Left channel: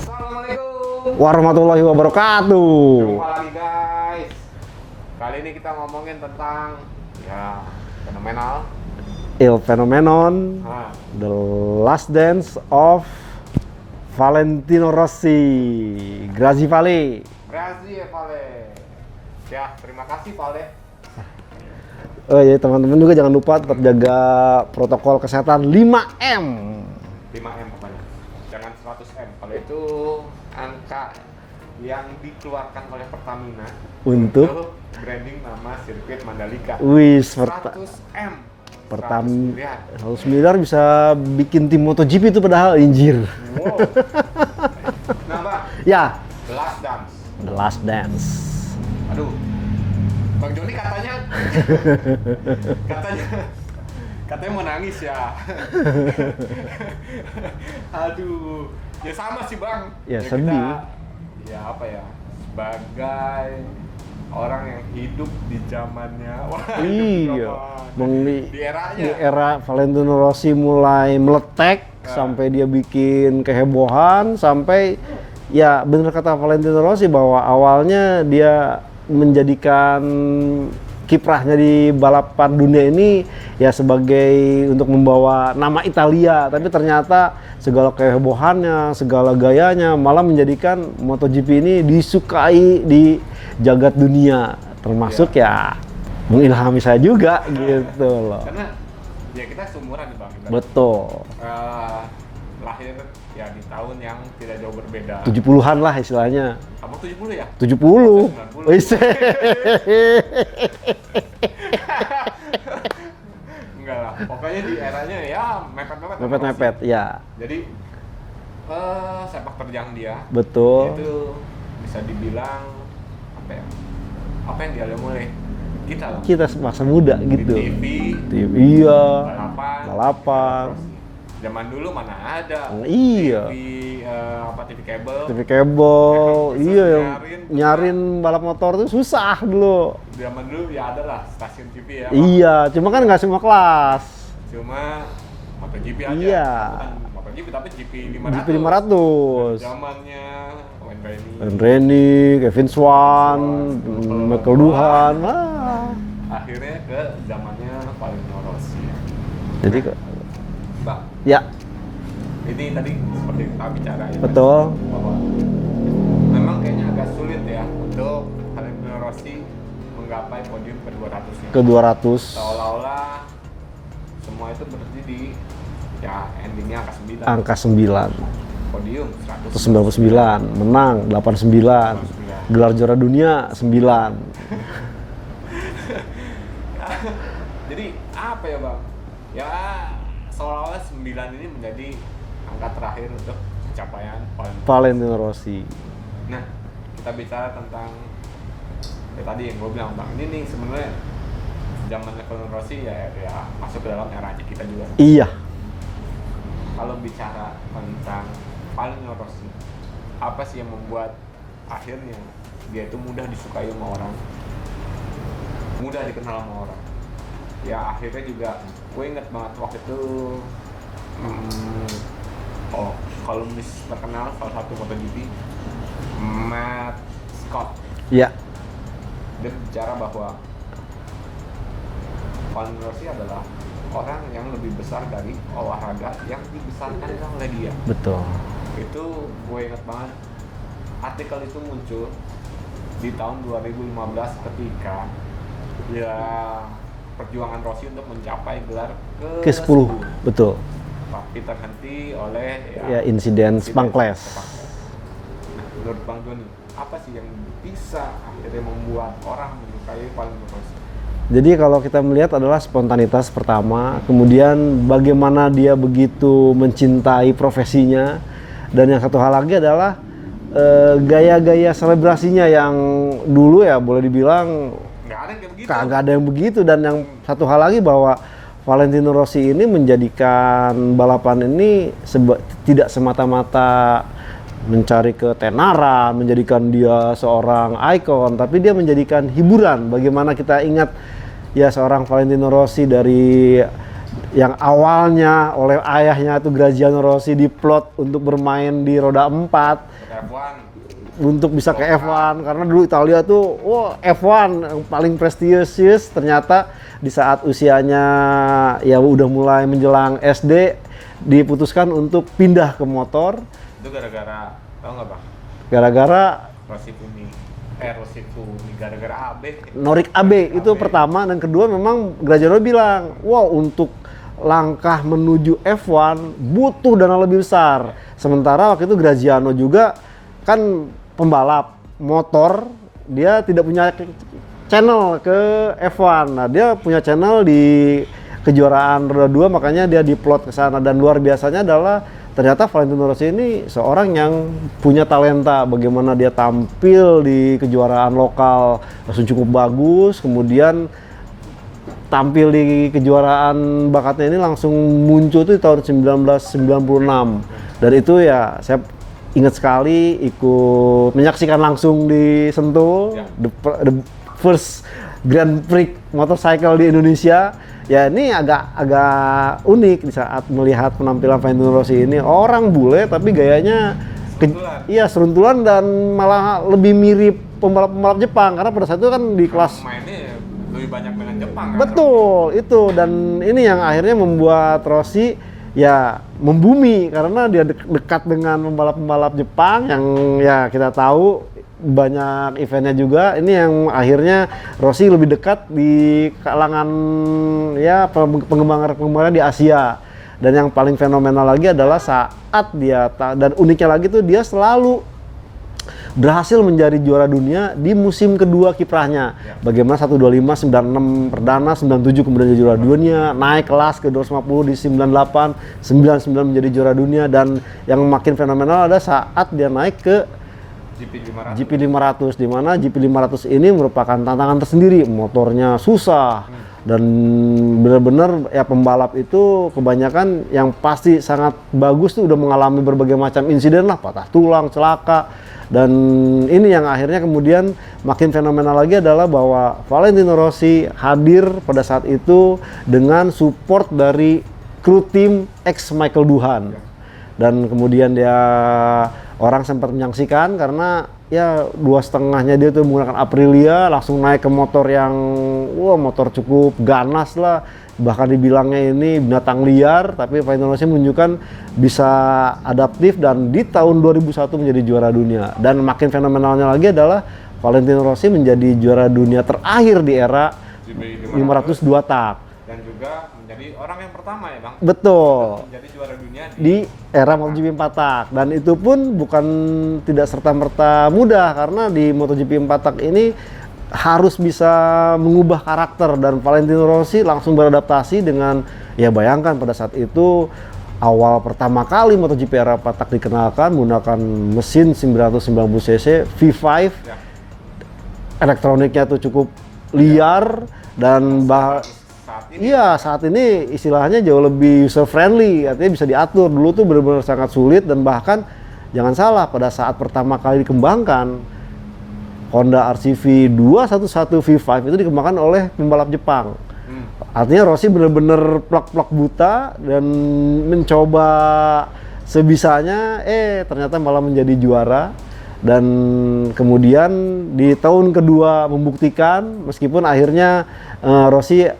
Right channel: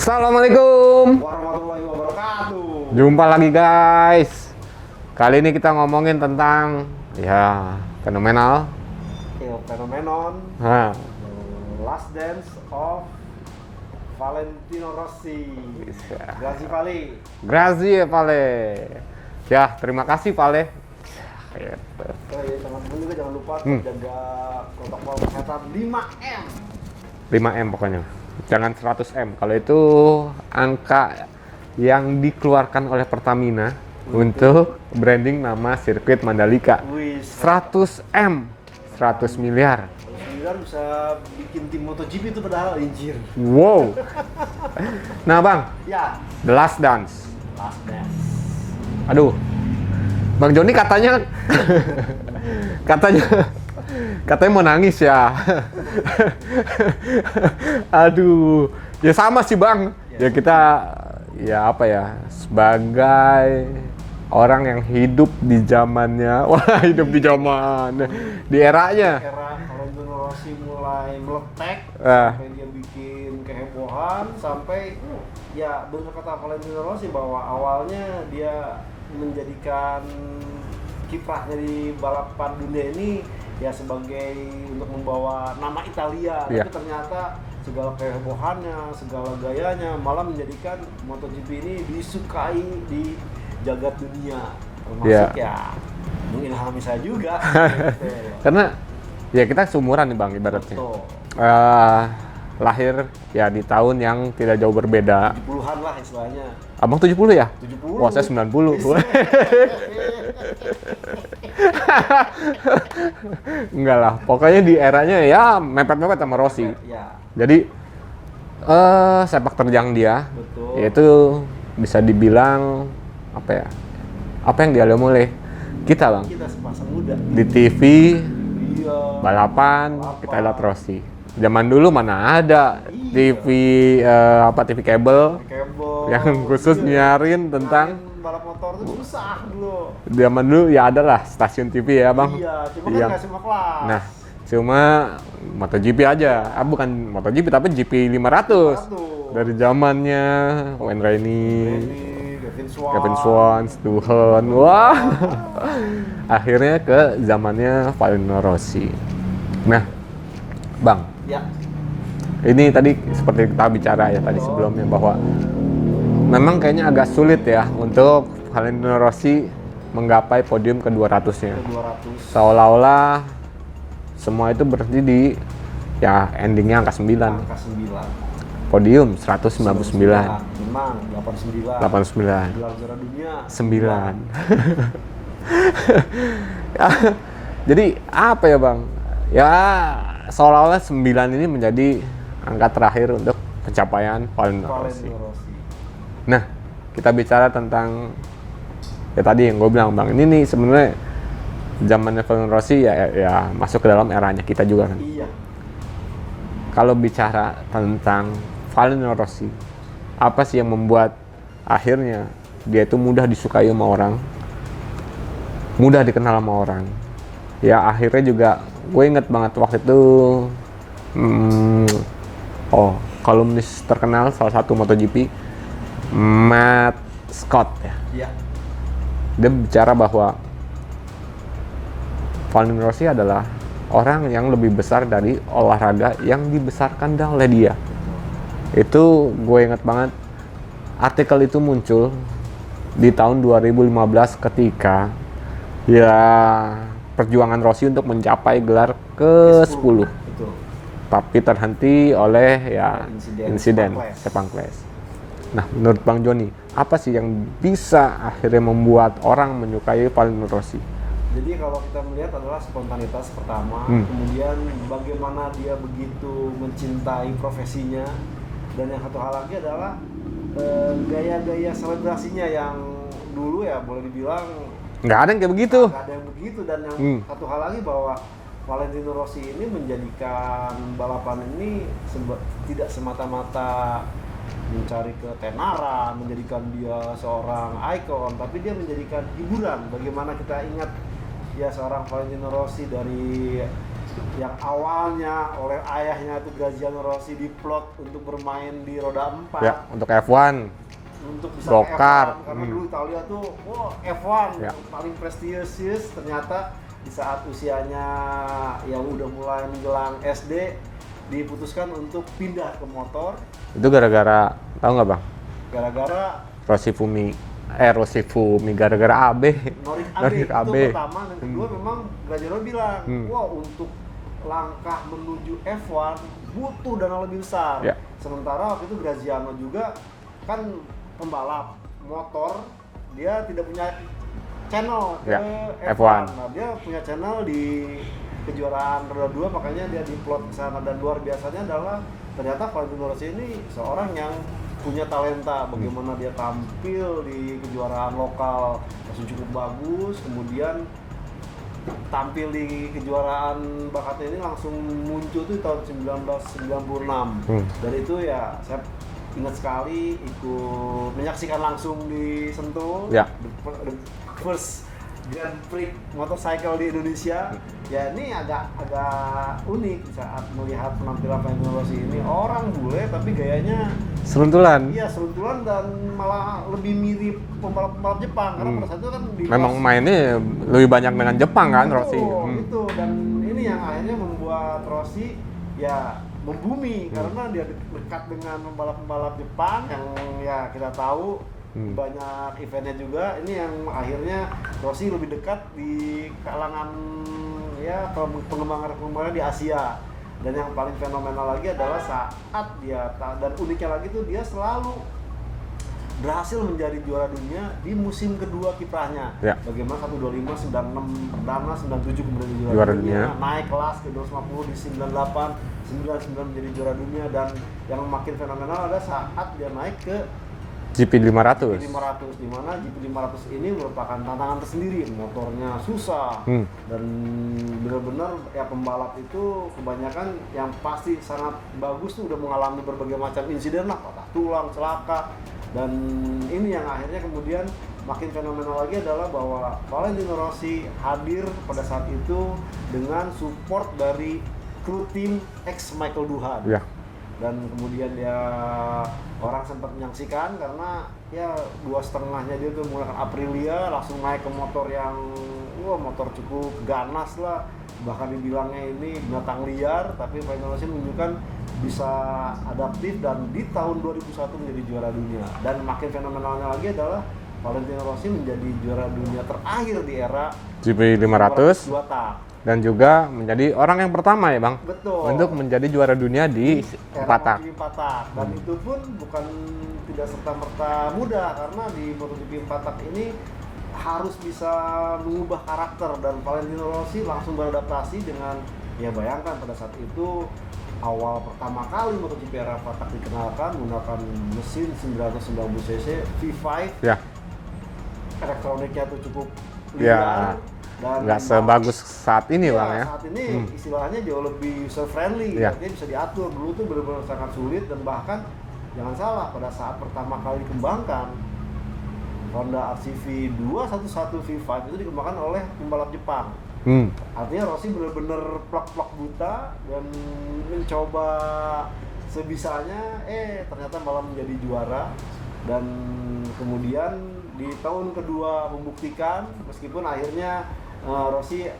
Assalamualaikum warahmatullahi wabarakatuh. Jumpa lagi guys. Kali ini kita ngomongin tentang fenomenal Il Phenomenon, nah, The Last Dance of Valentino Rossi. Grazie Vale. Grazie Vale. Ya, terima kasih Vale. Oh iya, teman-teman juga jangan lupa tetap jaga protokol kesehatan 5M. 5M pokoknya. Jangan 100M. Kalau itu angka yang dikeluarkan oleh Pertamina untuk branding nama sirkuit Mandalika. Wih, 100M. 100 miliar. 100 miliar bisa bikin tim MotoGP itu padahal injir. Wow. Nah Bang, Ya, The Last Dance. The Last Dance. Aduh, Bang Joni katanya mau nangis ya. Aduh, ya sama sih Bang. Ya, Ya sedih. kita sebagai orang yang hidup di zamannya, hidup di Iya. zaman, Di di eranya. era Valentino Rossi mulai meletek sampai dia bikin kehebohan, sampai ya bener kata Valentino Rossi bahwa awalnya dia menjadikan kiprahnya di balapan dunia ini ya sebagai untuk membawa nama Italia, tapi ternyata segala kehebohannya, segala gayanya malah menjadikan MotoGP ini disukai di jagat dunia, termasuk ya mengilhami saya juga gitu loh. Karena ya kita seumuran nih Bang ibaratnya. Betul. Lahir ya di tahun yang tidak jauh berbeda. 70-an lah istilahnya. Abang 70 ya? 70. Oh, saya 90. Enggak lah, pokoknya di eranya ya mepet-mepet sama Rossi. Mepet, ya. Jadi sepak terjang dia Betul. itu bisa dibilang apa yang dialami oleh kita Bang. Kita masa muda Di gitu. TV, Iya. balapan, Balapan. kita lihat Rossi. Zaman dulu mana ada Iya. TV kabel. TV kabel. Yang khusus iya. nyarin tentang- Nyarin balap motor tuh susah dulu. Zaman dulu ya ada lah stasiun TV ya Bang. Iya, cuma kan Iya. nggak semua kelas. Nah, cuma MotoGP aja. Iya. Bukan MotoGP tapi GP 500. 500. Dari zamannya Wayne Rainey, Randy, Kevin Swan, Duhan. Duhan. Akhirnya ke zamannya Valentino Rossi. Jadi Nah, Bang, ya, ini tadi seperti kita bicara ya tadi Betul. sebelumnya bahwa memang kayaknya agak sulit ya untuk Valentino Rossi menggapai podium ke 200-nya. ke 200. Seolah-olah semua itu berarti di endingnya angka 9. Angka 9. Podium 199. 99, menang 89. 89. Gelar juara dunia 9. Jadi apa ya Bang? Ya seolah-olah 9 ini menjadi angka terakhir untuk pencapaian Valentino Rossi. Nah, kita bicara tentang ya tadi yang gue bilang Bang, ini nih sebenarnya zamannya Valentino Rossi ya masuk ke dalam eranya kita juga kan. Iya. Kalau bicara tentang Valentino Rossi, apa sih yang membuat akhirnya dia itu mudah disukai sama orang, mudah dikenal sama orang? Ya akhirnya juga gue inget banget waktu itu kolumnis terkenal salah satu MotoGP, Matt Scott ya. Iya. Dia bicara bahwa Valentino Rossi adalah orang yang lebih besar dari olahraga yang dibesarkan oleh dia. Betul. Itu gue inget banget, artikel itu muncul di tahun 2015 ketika ya perjuangan Rossi untuk mencapai gelar ke-10. Betul. Tapi terhenti oleh insiden Sepang Clash. Nah, menurut Bang Joni, apa sih yang bisa akhirnya membuat orang menyukai Valentino Rossi? Jadi kalau kita melihat adalah spontanitas pertama, kemudian bagaimana dia begitu mencintai profesinya, dan yang satu hal lagi adalah gaya-gaya selebrasinya yang dulu ya boleh dibilang Nggak ada yang kayak begitu. nggak ada yang begitu, dan yang satu hal lagi bahwa Valentino Rossi ini menjadikan balapan ini tidak semata-mata mencari ketenaran, menjadikan dia seorang ikon, tapi dia menjadikan hiburan. Bagaimana kita ingat ya seorang Valentino Rossi dari yang awalnya oleh ayahnya itu Graziano Rossi diplot untuk bermain di roda 4 untuk F1 untuk bisa ke Lokal. F1 karena dulu Italia tuh F1 yang paling prestisius. Ternyata di saat usianya ya udah mulai menjelang SD diputuskan untuk pindah ke motor itu gara-gara, tahu nggak bang? gara-gara Rossi Fumi gara-gara AB. Norik AB Norik itu AB. pertama, dan kedua memang Graziano bilang, wow, untuk langkah menuju F1 butuh dana lebih besar. Ya. Sementara waktu itu Graziano juga kan pembalap motor, dia tidak punya channel ke Ya, F1. Nah, dia punya channel di kejuaraan roda 2, makanya dia diplot ke sana. Dan luar biasanya adalah ternyata Valentino Rossi ini seorang yang punya talenta, bagaimana dia tampil di kejuaraan lokal langsung cukup bagus, kemudian tampil di kejuaraan bakatnya ini langsung muncul tuh di tahun 1996. Dan itu ya saya ingat sekali ikut menyaksikan langsung di Sentul, Ya. the first Grand Prix motorcycle di Indonesia. Ya ini agak unik di saat melihat penampilan Valentino Rossi ini, orang bule tapi gayanya Seruntulan. Iya, seruntulan dan malah lebih mirip pembalap-pembalap Jepang karena pada saat itu kan di kelas Memang mainnya lebih banyak dengan Jepang kan betul Rossi. itu, dan ini yang akhirnya membuat Rossi ya membumi karena dia dekat dengan pembalap-pembalap Jepang yang ya kita tahu banyak eventnya juga. Ini yang akhirnya Rossi lebih dekat di kalangan ya penggemar di Asia. Dan yang paling fenomenal lagi adalah saat dia dan uniknya lagi tuh dia selalu berhasil menjadi juara dunia di musim kedua kiprahnya. Ya. Bagaimana 125, 96 perdana, 97 kemudian jadi juara Juara dunia, naik kelas ke 250 di 98, 99 menjadi juara dunia, dan yang makin fenomenal ada saat dia naik ke GP 500. GP 500, di mana GP 500 ini merupakan tantangan tersendiri, motornya susah dan benar-benar ya pembalap itu kebanyakan yang pasti sangat bagus tuh udah mengalami berbagai macam insiden lah, patah tulang, celaka. Dan ini yang akhirnya kemudian makin fenomenal lagi adalah bahwa Valentino Rossi hadir pada saat itu dengan support dari kru tim ex Michael Duhan. Ya. Dan kemudian dia orang sempat menyaksikan karena ya 2,5-nya dia tuh menggunakan Aprilia, langsung naik ke motor yang motor cukup ganas lah, bahkan dibilangnya ini binatang liar, tapi Valentino Rossi menunjukkan bisa adaptif dan di tahun 2001 menjadi juara dunia. Dan makin fenomenalnya lagi adalah Valentino Rossi menjadi juara dunia terakhir di era GP 500 2 tak. dan juga menjadi orang yang pertama ya bang Betul. untuk menjadi juara dunia di di era Batak. MotoGP 4 tak, dan itu pun bukan tidak serta-merta mudah karena di MotoGP 4 tak ini harus bisa mengubah karakter, dan Valentino Rossi langsung beradaptasi dengan ya bayangkan pada saat itu awal pertama kali MotoGP era 4 tak dikenalkan menggunakan mesin 990 cc V5, Ya. elektroniknya tuh cukup liar dan Nggak sebagus saat ini iya, Bang, ya. saat ini istilahnya jauh lebih user friendly, Ya. artinya bisa diatur. Dulu tuh benar-benar sangat sulit, dan bahkan jangan salah pada saat pertama kali dikembangkan Honda RCV 211 V5 itu dikembangkan oleh pembalap Jepang. Artinya Rossi benar-benar plak-plak buta dan mencoba sebisanya, ternyata malah menjadi juara. Dan kemudian di tahun kedua membuktikan, meskipun akhirnya Rossi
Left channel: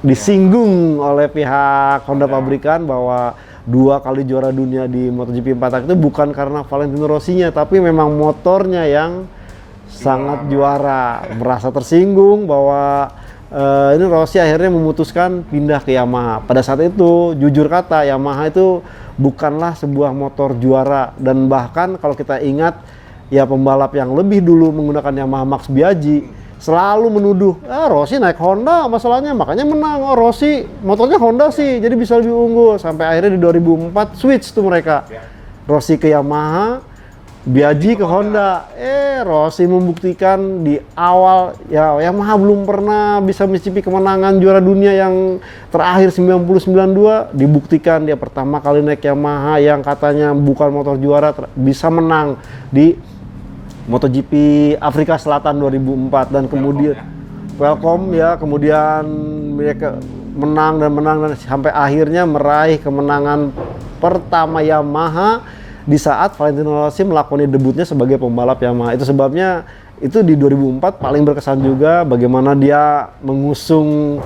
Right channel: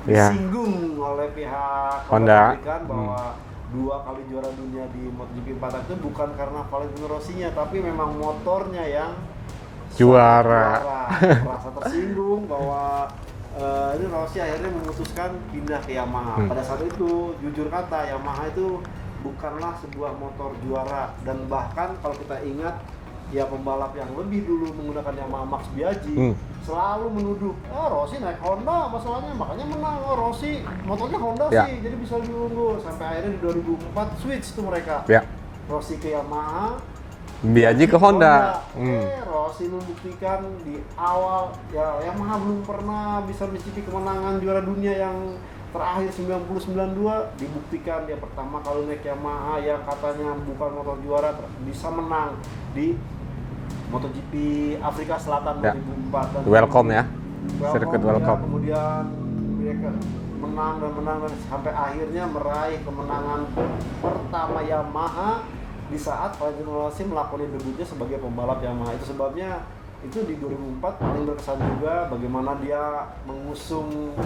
disinggung oleh pihak Honda Honda. pabrikan bahwa 2 kali juara dunia di MotoGP 4 tak itu bukan karena Valentino Rossinya, tapi memang motornya yang sangat juara. Merasa tersinggung bahwa ini Rossi akhirnya memutuskan pindah ke Yamaha. Pada saat itu jujur kata Yamaha itu bukanlah sebuah motor juara, dan bahkan kalau kita ingat ya pembalap yang lebih dulu menggunakan Yamaha Max Biaggi selalu menuduh Rossi naik Honda masalahnya makanya menang, Rossi motornya Honda sih jadi bisa lebih unggul, sampai akhirnya di 2004 switch tuh mereka, Ya. Rossi ke Yamaha, Biaggi ke Honda. Rossi membuktikan di awal ya Yamaha belum pernah bisa mencicipi kemenangan juara dunia yang terakhir 1992, dibuktikan dia pertama kali naik Yamaha yang katanya bukan motor juara bisa menang di MotoGP Afrika Selatan 2004, dan Welcome kemudian ya. welcome ya, kemudian mereka menang dan sampai akhirnya meraih kemenangan pertama Yamaha di saat Valentino Rossi melakoni debutnya sebagai pembalap Yamaha. Itu sebabnya itu di 2004 paling berkesan juga bagaimana dia mengusung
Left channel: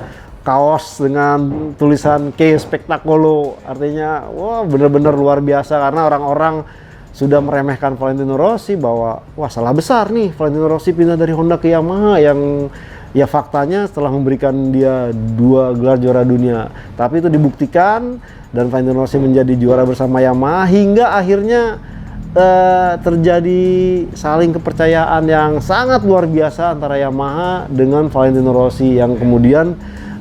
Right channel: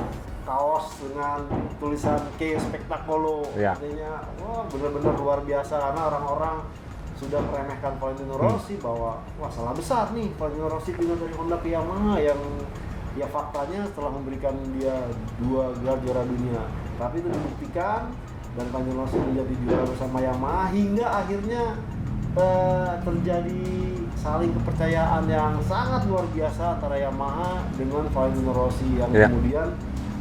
kaos dengan tulisan K Spectaculo. Ya. Artinya wah benar-benar luar biasa karena orang-orang sudah meremehkan Valentino Rossi bahwa wah salah besar nih Valentino Rossi pindah dari Honda ke Yamaha yang ya faktanya setelah memberikan dia 2 gelar juara dunia. Tapi itu dibuktikan dan Valentino Rossi menjadi juara bersama Yamaha hingga akhirnya terjadi saling kepercayaan yang sangat luar biasa antara Yamaha dengan Valentino Rossi yang kemudian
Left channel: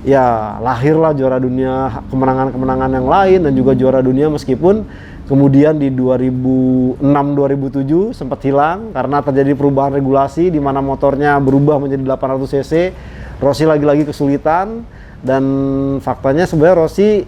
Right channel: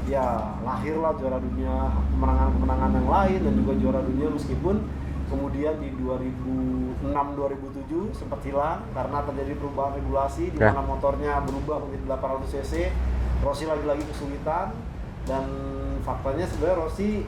ya lahirlah juara dunia, kemenangan-kemenangan yang lain dan juga juara dunia meskipun kemudian di 2006-2007 sempat hilang karena terjadi perubahan regulasi di mana motornya berubah menjadi 800 cc. Rossi lagi-lagi kesulitan dan faktanya sebenarnya Rossi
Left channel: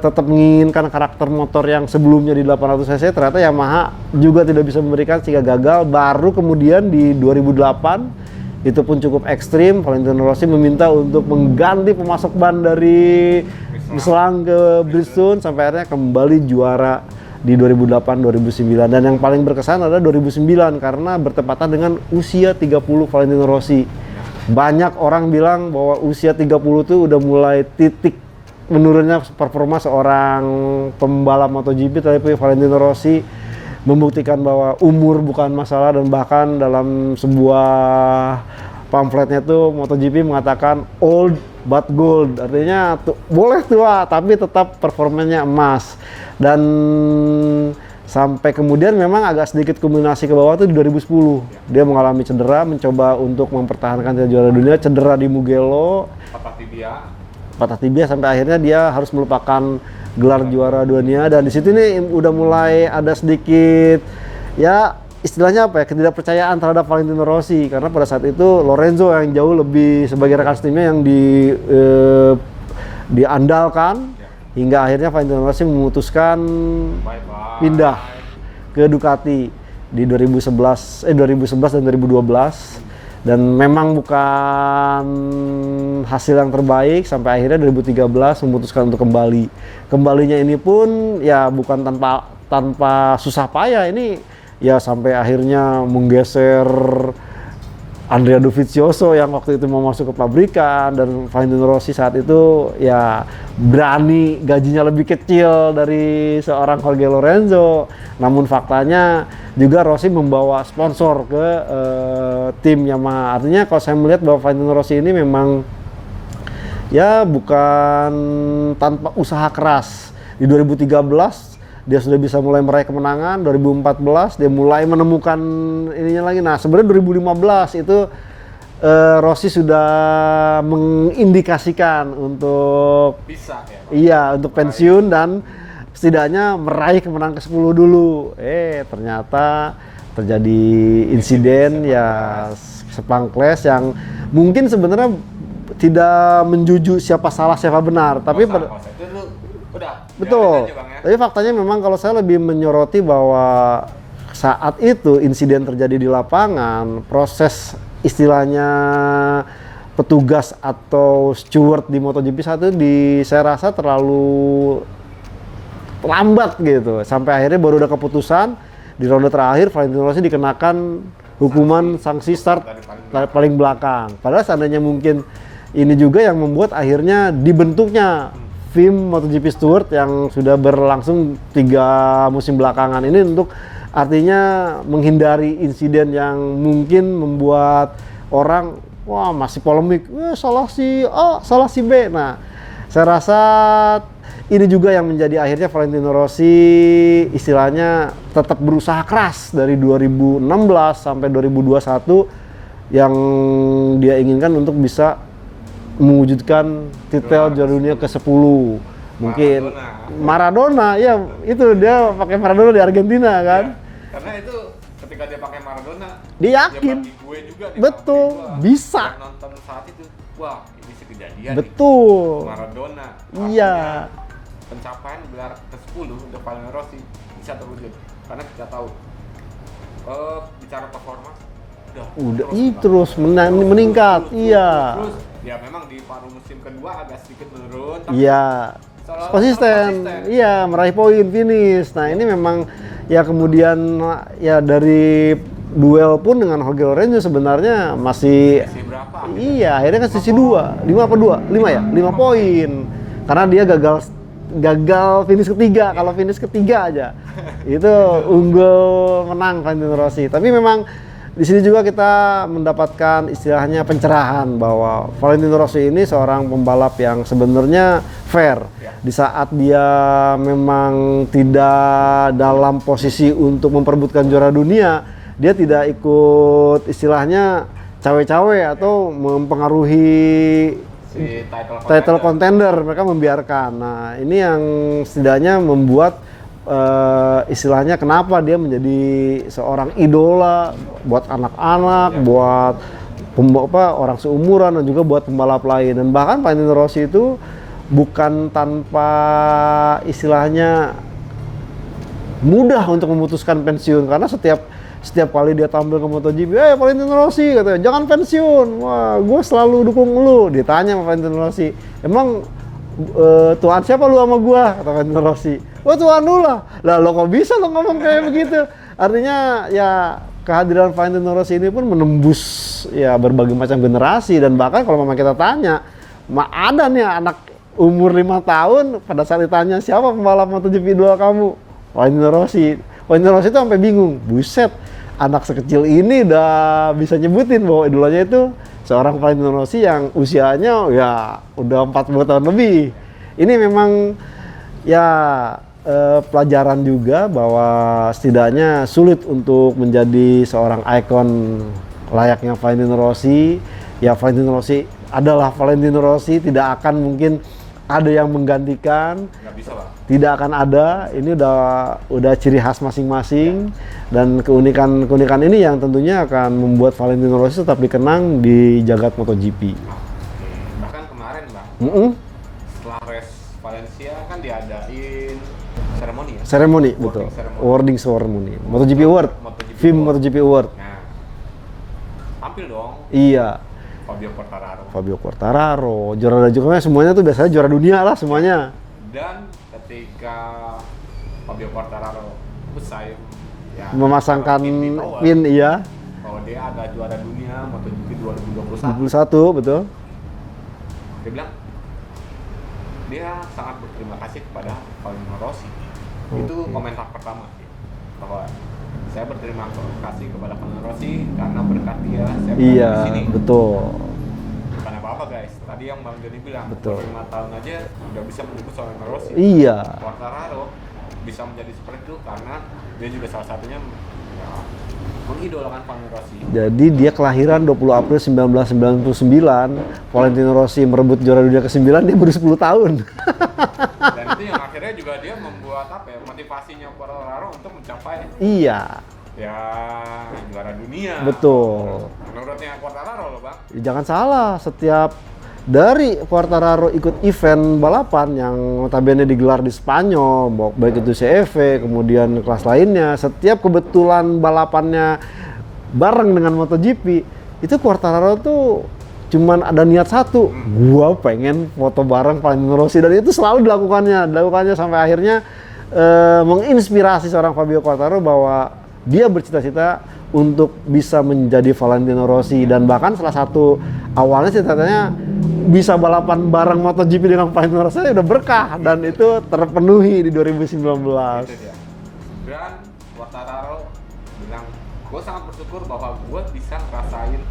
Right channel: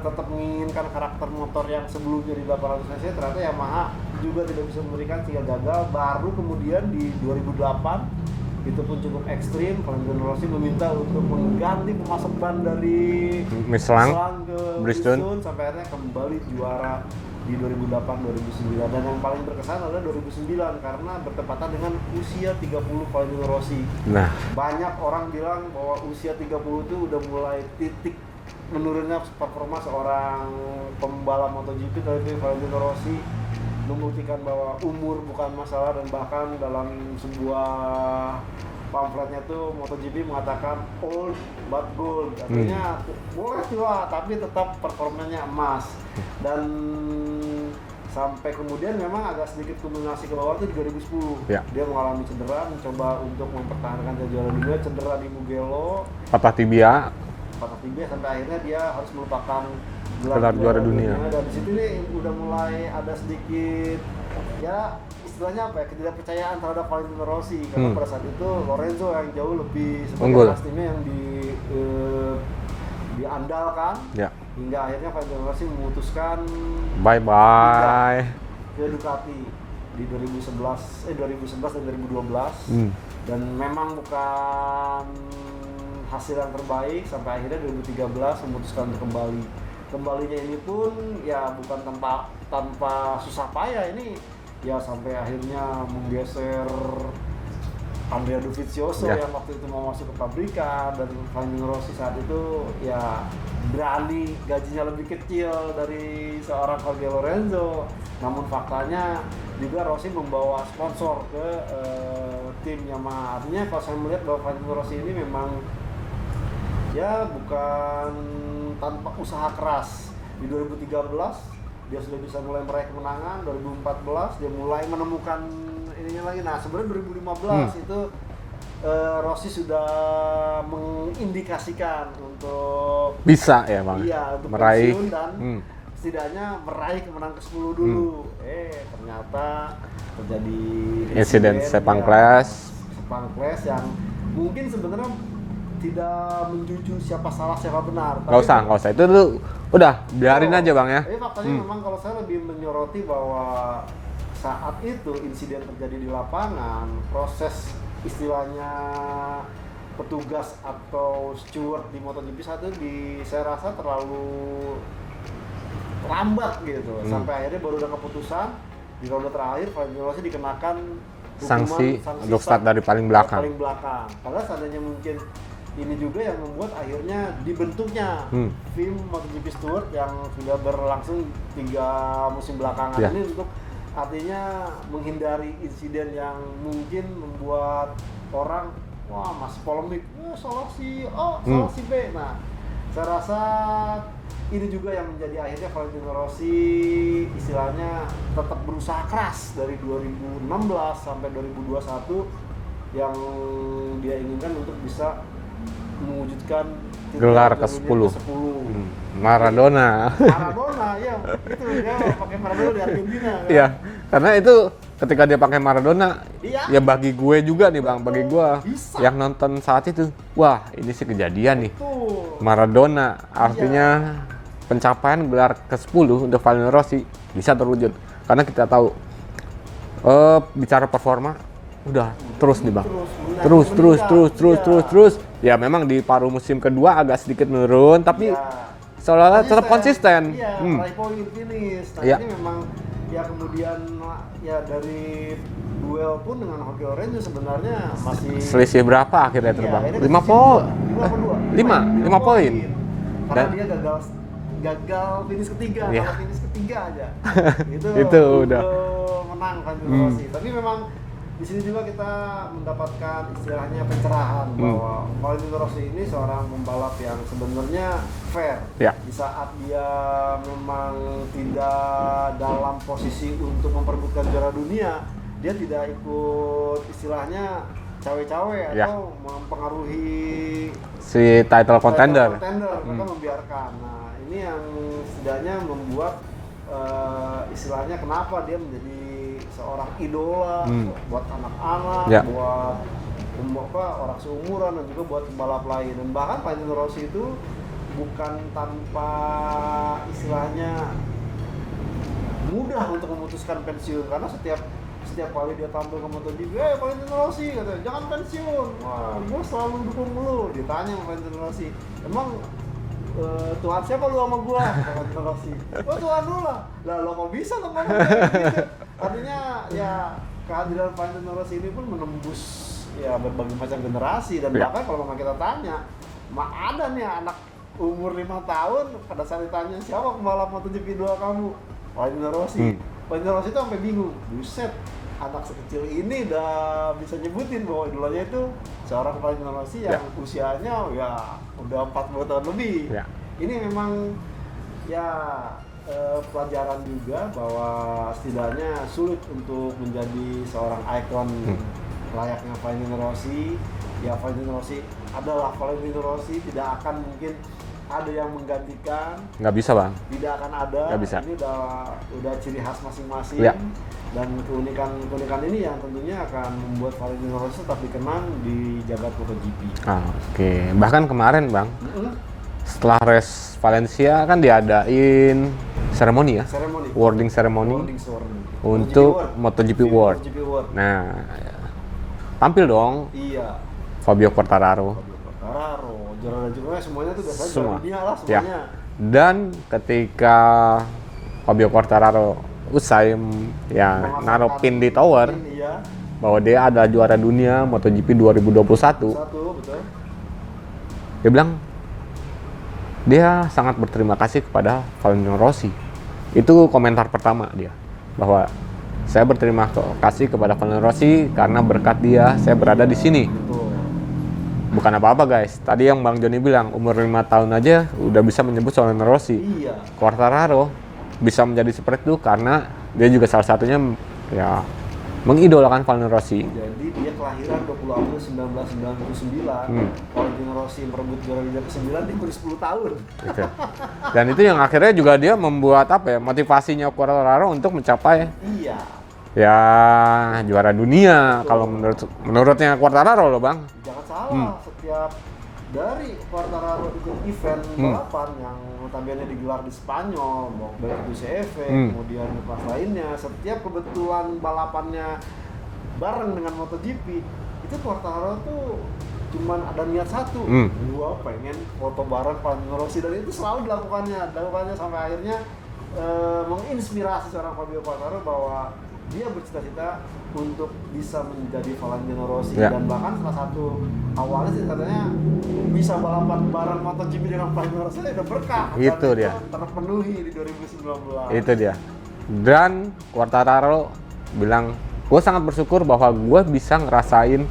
tetap menginginkan karakter motor yang sebelumnya di 800 cc, ternyata Yamaha juga tidak bisa memberikan sehingga gagal. Baru kemudian di 2008 itu pun cukup ekstrim, Valentino Rossi meminta untuk mengganti pemasok ban dari Michelin ke Bridgestone sampai akhirnya kembali juara di 2008-2009. Dan yang paling berkesan adalah 2009 karena bertepatan dengan usia 30 Valentino Rossi. Nah, banyak orang bilang bahwa usia 30 itu udah mulai titik menurunnya performa seorang pembalap MotoGP, tapi Valentino Rossi membuktikan bahwa umur bukan masalah dan bahkan dalam sebuah pamfletnya itu MotoGP mengatakan old but gold, artinya boleh tua tapi tetap performanya emas. Dan sampai kemudian memang agak sedikit kulminasi ke bawah itu di 2010 dia mengalami cedera, mencoba untuk mempertahankan juara dunia, cedera di Mugello, patah tibia sampai akhirnya dia harus melupakan gelar juara dunia. Dan di situ nih udah mulai ada sedikit ya istilahnya apa ya, ketidakpercayaan terhadap Valentino Rossi karena pada saat itu Lorenzo yang jauh lebih sebagai rekan timnya yang diandalkan hingga akhirnya Valentino Rossi memutuskan pindah ke Ducati di 2011 dan 2012. Dan memang bukan hasil yang terbaik sampai akhirnya 2013 memutuskan untuk kembali. Kembalinya ini pun ya bukan tanpa susah payah, ini ya sampai akhirnya menggeser Andrea Dovizioso yang waktu itu mau masuk ke pabrikan, dan Valentino Rossi saat itu ya berani gajinya lebih kecil dari seorang Jorge Lorenzo. Namun faktanya juga Rossi membawa sponsor ke tim Yamaha. Artinya kalau saya melihat bahwa Valentino Rossi ini memang ya bukan tanpa usaha keras. Di 2013 dia sudah bisa mulai meraih kemenangan, 2014 dia mulai menemukan ininya lagi. Nah sebenarnya 2015 itu Rossi sudah mengindikasikan untuk bisa ya Pak? Iya, untuk pensiun dan setidaknya meraih kemenangan ke-10 dulu. Ternyata terjadi insiden ya sepang clash yang mungkin sebenarnya tidak menjuju siapa salah siapa benar, tapi nggak usah itu tuh udah biarin aja Bang ya. Tapi faktanya memang kalau saya lebih menyoroti bahwa saat itu insiden terjadi di lapangan, proses istilahnya petugas atau steward di MotoGP satu saya rasa terlalu lambat gitu. Sampai akhirnya baru ada keputusan di ronde terakhir Valentino Rossi dikenakan hukuman sanksi start dari paling belakang. Padahal seandainya mungkin ini juga yang membuat akhirnya dibentuknya tim MotoGP Steward yang sudah berlangsung 3 musim belakangan ini untuk artinya menghindari insiden yang mungkin membuat orang wah masih polemik, salah si A, salah si B. Nah, saya rasa ini juga yang menjadi akhirnya Valentino Rossi istilahnya tetap berusaha keras dari 2016 sampai 2021 yang dia inginkan untuk bisa mewujudkan titel juara dunia ke-10. Maradona, ya itu dia pakai Maradona di Argentina kan. Iya, karena itu ketika dia pakai Maradona, dia ya bagi gue juga nih Bang, bagi gue bisa. Yang nonton saat itu, wah ini sih kejadian nih. Maradona, artinya pencapaian gelar ke-10 untuk Valentino Rossi bisa terwujud. Karena kita tahu, bicara performa, udah terus nih Bang. Terus meningkat. Terus. Ya memang di paruh musim kedua agak sedikit menurun, tapi iya, seolah-olah tetap konsisten. Iya, meraih poin finish. Nah, ini memang ya kemudian ya dari duel pun dengan Jorge Lorenzo sebenarnya masih selisih berapa akhirnya? Iya, akhirnya kan selisih 5 apa 2? 5 ya? 5 poin. Karena dia gagal finish ketiga. Kalau finish ketiga aja itu unggul menang Valentino Rossi. Tapi memang di sini juga kita mendapatkan istilahnya pencerahan bahwa Valentino Rossi ini seorang pembalap yang sebenarnya fair. Di saat dia memang tidak dalam posisi untuk memperebutkan juara dunia, dia tidak ikut istilahnya cawe-cawe atau mempengaruhi si title contender. Mereka membiarkan. Nah, ini yang setidaknya membuat istilahnya kenapa dia menjadi seorang idola buat anak-anak, buat orang seumuran dan juga buat pembalap lain. Dan bahkan Valentino Rossi itu bukan tanpa istilahnya mudah untuk memutuskan pensiun, karena setiap kali dia tampil ke MotoGP, Valentino Rossi katanya, jangan pensiun, wah gue selalu dukung lu. Ditanya sama Valentino Rossi, emang Tuhan siapa lu sama gua? Kata Valentino Rossi. Wah, Tuhan lu lah. Lah lo kok bisa lo ngomong kayak begitu? Artinya ya kehadiran Valentino Rossi ini pun menembus ya berbagai macam generasi, dan bahkan kalau memang kita tanya, ada nih anak umur 5 tahun pada saat ditanya siapa pembalap MotoGP 2 kamu? Valentino Rossi. Valentino Rossi itu sampai bingung. Buset, anak sekecil ini udah bisa nyebutin bahwa idolanya itu seorang Valentino Rossi yang usianya ya udah 40 tahun lebih. Ini memang ya pelajaran juga bahwa setidaknya sulit untuk menjadi seorang ikon layaknya Valentino Rossi. Ya Valentino Rossi adalah Valentino Rossi, tidak akan mungkin ada yang menggantikan. Nggak bisa Bang. Tidak akan ada. Ini udah ciri khas masing-masing. Dan keunikan ini yang tentunya akan membuat Valentino Rossi tetap dikenang di jagat MotoGP. Oke. Bahkan kemarin Bang, setelah race Valencia kan diadain seremoni ya? Awarding ceremony. MotoGP Award. Nah, tampil dong. Iya. Fabio Quartararo, juara juga semuanya tuh biasanya juara dunia lah semuanya. Dan ketika Fabio Quartararo usai memasangkan pin di tower, iya, bahwa dia adalah juara dunia MotoGP 2021, betul. Dia bilang dia sangat berterima kasih kepada Valentino Rossi. Itu komentar pertama dia, bahwa saya berterima kasih kepada Valentino Rossi karena berkat dia saya berada di sini. Betul. Bukan apa-apa guys. Tadi yang Bang Joni bilang, umur 5 tahun aja udah bisa menyebut Valentino Rossi. Iya. Quartararo bisa menjadi seperti itu karena dia juga salah satunya ya mengidolakan Valentino Rossi. Jadi dia kelahiran 20 April 1999. Valentino Rossi merebut juara dunia ke-9, dia baru 10 tahun. Dan itu yang akhirnya juga dia membuat motivasinya Quartararo untuk mencapai juara dunia. Betul. Kalau menurutnya Quartararo loh Bang. Jangan salah, setiap dari Quartararo ikut event balapan yang notabene digelar di Spanyol, baik itu CEV, kemudian kelas lainnya, setiap kebetulan balapannya bareng dengan MotoGP, itu Quartararo tuh cuman ada niat satu, gua pengen foto bareng Valentino Rossi, dan itu selalu dilakukannya sampai akhirnya menginspirasi seorang Fabio Quartararo bahwa dia bercita-cita untuk bisa menjadi Valentino Rossi. Dan bahkan salah satu awalnya cita-citanya bisa balapan bareng MotoGP dengan Valentino Rossi udah berkah, dan itu terpenuhi di 2019. Itu dia. Dan Quartararo bilang, gue sangat bersyukur bahwa gue bisa ngerasain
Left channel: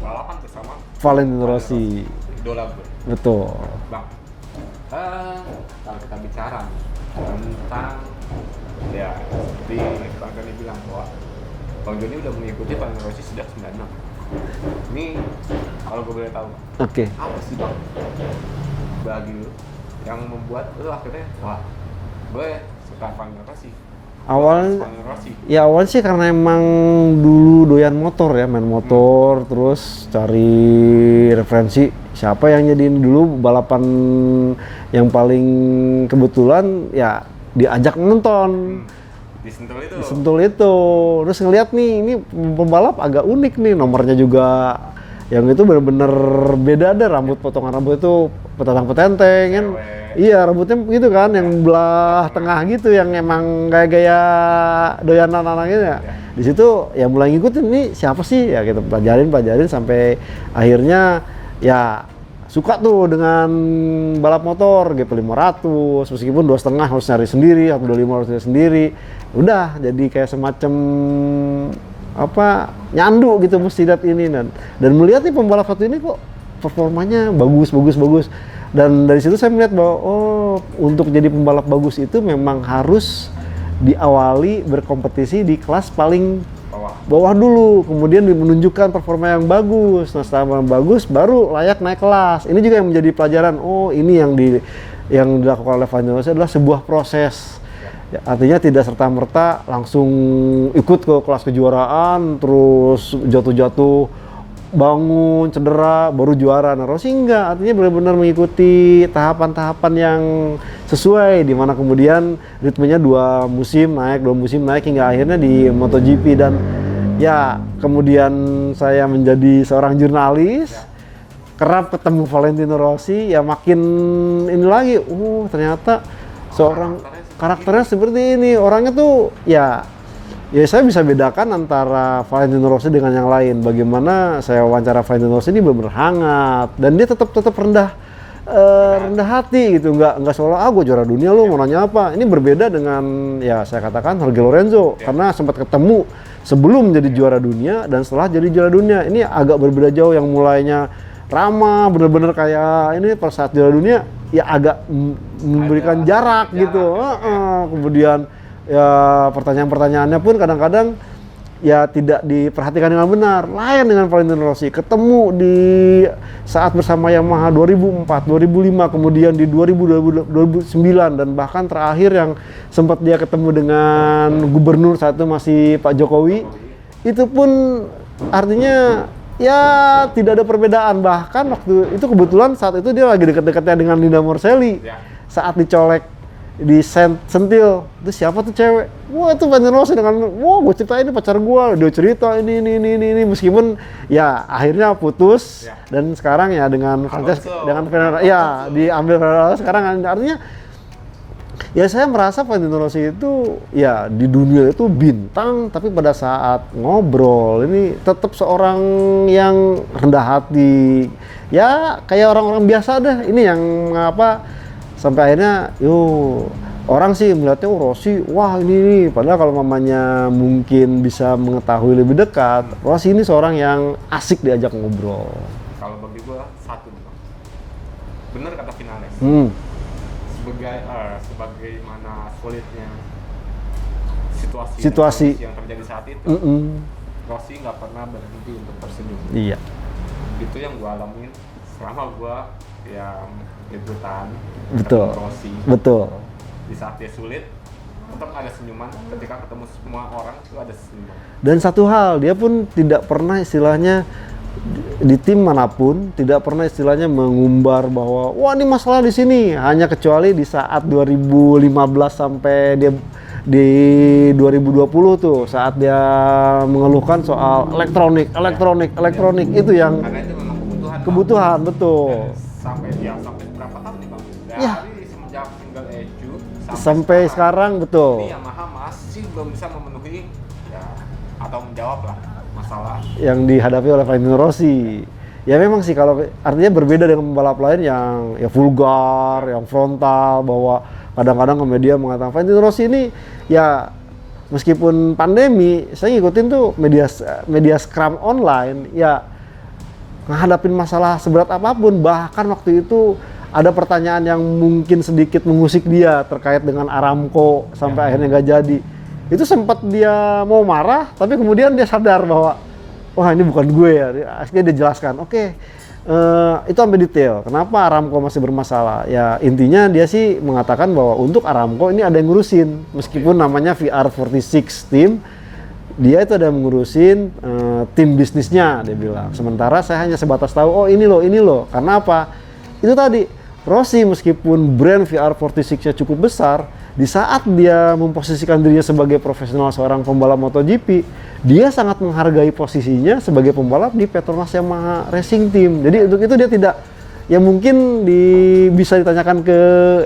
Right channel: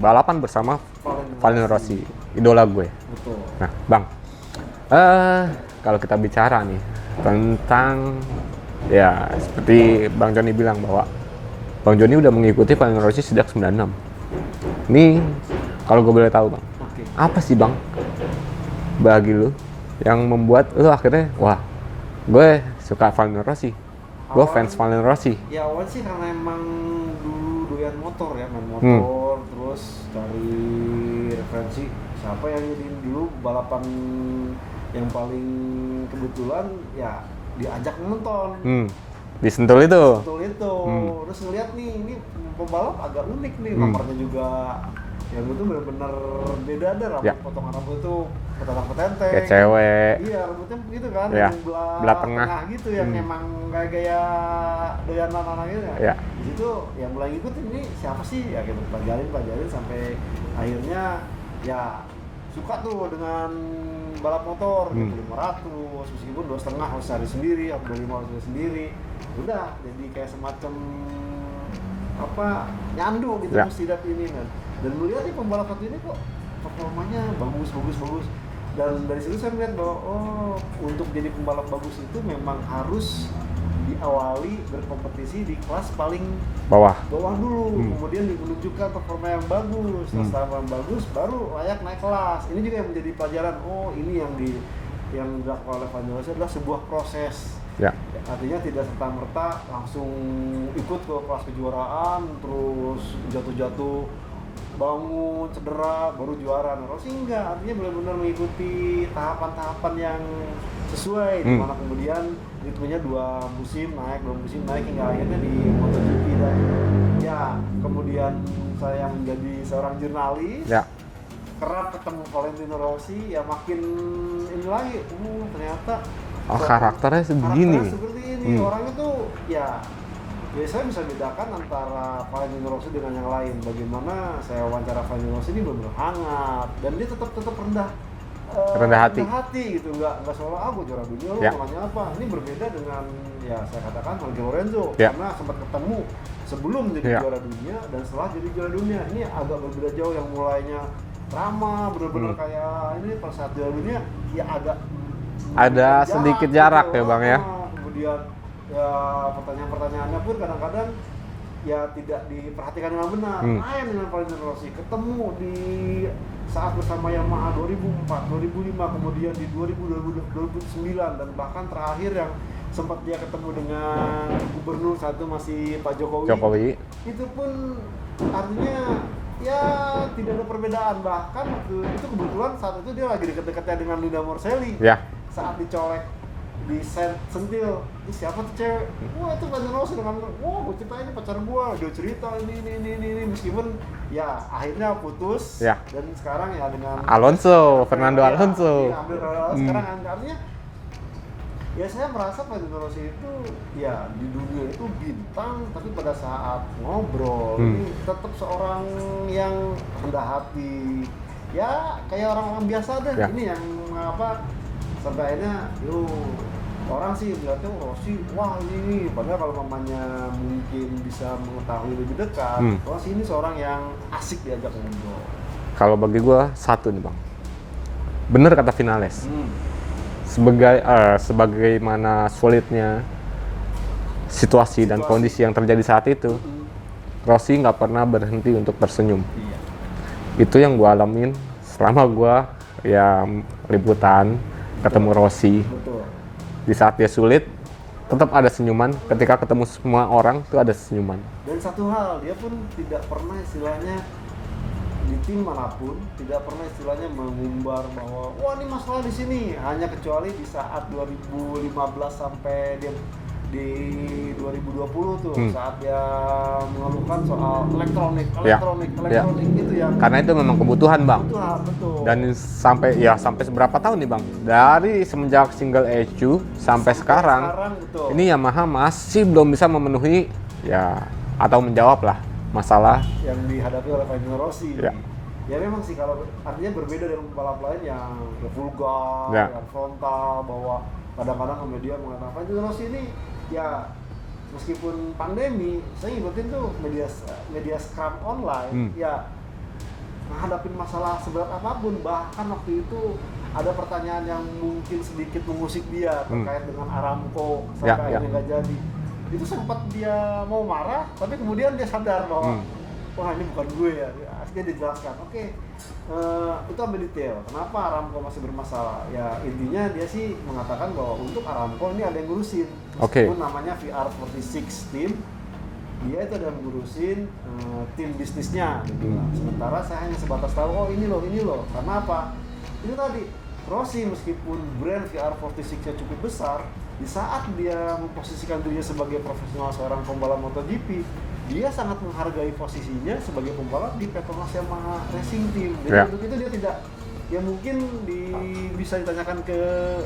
balapan bersama Valentino Rossi, idola gue. Betul. Nah, Bang, kalau kita bicara nih tentang seperti Bang Joni bilang bahwa Bang Joni udah mengikuti Valentino Rossi sejak 96. Ini kalau gue boleh tahu Bang, apa sih Bang bagi lu yang membuat lu akhirnya gue suka Valentino Rossi, gue fans Valentino Rossi? Ya awalnya sih karena emang dulu doyan motor ya, main motor, terus cari referensi siapa yang jadiin dulu balapan yang paling kebetulan ya diajak nonton. Disentul itu. Sentul itu. Terus ngeliat nih, ini pembalap agak unik nih, nomornya juga yang itu bener-bener beda ada potongan rambut itu petantang petenteng. Kayak cewek. Iya, rambutnya gitu kan, yang belah tengah. tengah gitu, yang emang gaya-gaya doyanan anak gitu ya. Di situ ya mulai ngikutin nih siapa sih ya, kita pelajarin sampai akhirnya ya suka tuh dengan balap motor GP 500, meskipun 2,5 harus nyari sendiri, 125 harus nyari sendiri. Udah jadi kayak semacam nyandu gitu, mesti lihat ini dan melihat nih pembalap satu ini kok performanya bagus. Dan dari situ saya melihat bahwa untuk jadi pembalap bagus itu memang harus diawali berkompetisi di kelas paling bawah dulu, kemudian menunjukkan performa yang bagus. Nah, setelah yang bagus baru layak naik kelas. Ini juga yang menjadi pelajaran. Ini yang dilakukan oleh Valentino Rossi adalah sebuah proses. Ya, artinya tidak serta-merta langsung ikut ke kelas kejuaraan, terus jatuh-jatuh, bangun, cedera, baru juara. Nah, Rossi enggak, artinya benar-benar mengikuti tahapan-tahapan yang sesuai, di mana kemudian ritmenya 2 musim naik hingga akhirnya di MotoGP. Dan ya kemudian saya menjadi seorang jurnalis, kerap ketemu Valentino Rossi, ya makin ini lagi, ternyata karakternya seperti ini. Orangnya tuh ya saya bisa bedakan antara Valentino Rossi dengan yang lain. Bagaimana saya wawancara Valentino Rossi ini benar-benar hangat dan dia tetap rendah hati gitu, nggak seolah gue juara dunia lu mau nanya apa. Ini berbeda dengan ya saya katakan Jorge Lorenzo, karena sempat ketemu sebelum jadi juara dunia dan setelah jadi juara dunia. Ini agak berbeda jauh, yang mulainya ramah bener-bener kayak ini pada saat juara dunia ya agak memberikan jarak gitu. Ya, Bang, ya. Kemudian ya pertanyaan-pertanyaannya pun kadang-kadang ya tidak diperhatikan dengan benar. Lain dengan Valentino Rossi, ketemu di saat bersama Yamaha 2004, 2005, kemudian di 2009 dan bahkan terakhir yang sempat dia ketemu dengan gubernur saat itu masih Pak Jokowi. Itu pun artinya ya tidak ada perbedaan. Bahkan waktu itu kebetulan saat itu dia lagi deket-deketnya dengan Linda Morselli. Saat dicolek di sentil, itu siapa tuh cewek? Wah, itu Valentino Rossi dengan gue cerita ini pacar gue, dia cerita ini meskipun ya akhirnya putus dan sekarang ya dengan Alonso, diambil sekarang. Artinya ya saya merasa Valentino Rossi itu ya di dunia itu bintang, tapi pada saat ngobrol ini tetap seorang yang rendah hati, ya kayak orang-orang biasa deh. Ini yang mengapa sampai akhirnya orang sih melihatnya Rossi, wah ini padahal kalau mamanya mungkin bisa mengetahui lebih dekat, Rossi ini seorang yang asik diajak ngobrol. Kalau bagi gua satu nih Bang, bener kata Vinales, sebagaimana sulitnya situasi dan kondisi yang terjadi saat itu, Rossi nggak pernah berhenti untuk tersenyum. Itu yang gua alamin selama gua ya liputan ketemu Rossi. Di saat dia sulit, tetap ada senyuman. Ketika ketemu semua orang, itu ada senyuman. Dan satu hal, dia pun tidak pernah istilahnya di tim manapun, tidak pernah istilahnya mengumbar bahwa wah ini masalah di sini. Hanya kecuali di saat 2015 sampai dia di 2020 tuh, saat dia mengeluhkan soal elektronik itu yang karena itu memang kebutuhan Bang. Betul. Dan sampai seberapa tahun nih Bang? Dari semenjak single ECU sampai sekarang betul. Ini Yamaha masih belum bisa memenuhi ya atau menjawab lah masalah yang dihadapi oleh Valentino Rossi. Ya memang sih, kalau artinya berbeda dengan pembalap lain yang ya vulgar, yang frontal, bahwa kadang-kadang ke media mengatakan Valentino Rossi ini ya meskipun pandemi, saya ngikutin tuh media scrum online, ya menghadapin masalah seberat apapun. Bahkan waktu itu ada pertanyaan yang mungkin sedikit mengusik dia terkait dengan Aramco sampai akhirnya nggak jadi. Itu sempat dia mau marah, tapi kemudian dia sadar bahwa wah ini bukan gue ya. Akhirnya dia jelaskan, itu sampai detail. Kenapa Aramco masih bermasalah? Ya intinya dia sih mengatakan bahwa untuk Aramco ini ada yang ngurusin, meskipun namanya VR46 Team, dia itu ada yang ngurusin tim bisnisnya, dia bilang. Sementara saya hanya sebatas tahu, ini loh. Karena apa? Itu tadi Rossi meskipun brand VR46-nya cukup besar, di saat dia memposisikan dirinya sebagai profesional seorang pembalap MotoGP, dia sangat menghargai posisinya sebagai pembalap di Petronas Yamaha Racing Team. Jadi untuk itu dia tidak, ya mungkin bisa ditanyakan ke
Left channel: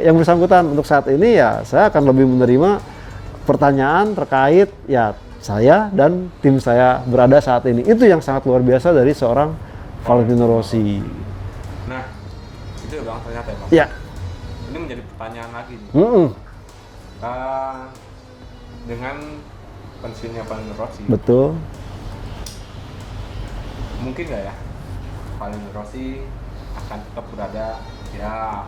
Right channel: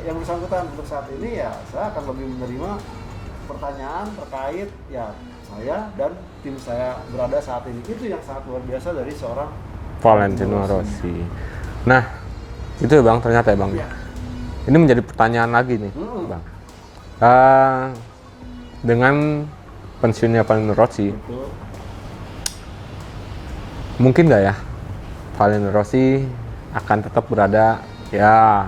yang bersangkutan. Untuk saat ini ya saya akan lebih menerima pertanyaan terkait ya saya dan tim saya berada saat ini. Itu yang sangat luar biasa dari seorang Valentino Rossi. Nah, itu ya Bang, ternyata ya Bang. Ya. Ini menjadi pertanyaan lagi nih, Bang. Dengan pensiunnya Valentino Rossi, Betul. mungkin nggak ya Valentino Rossi akan tetap berada ya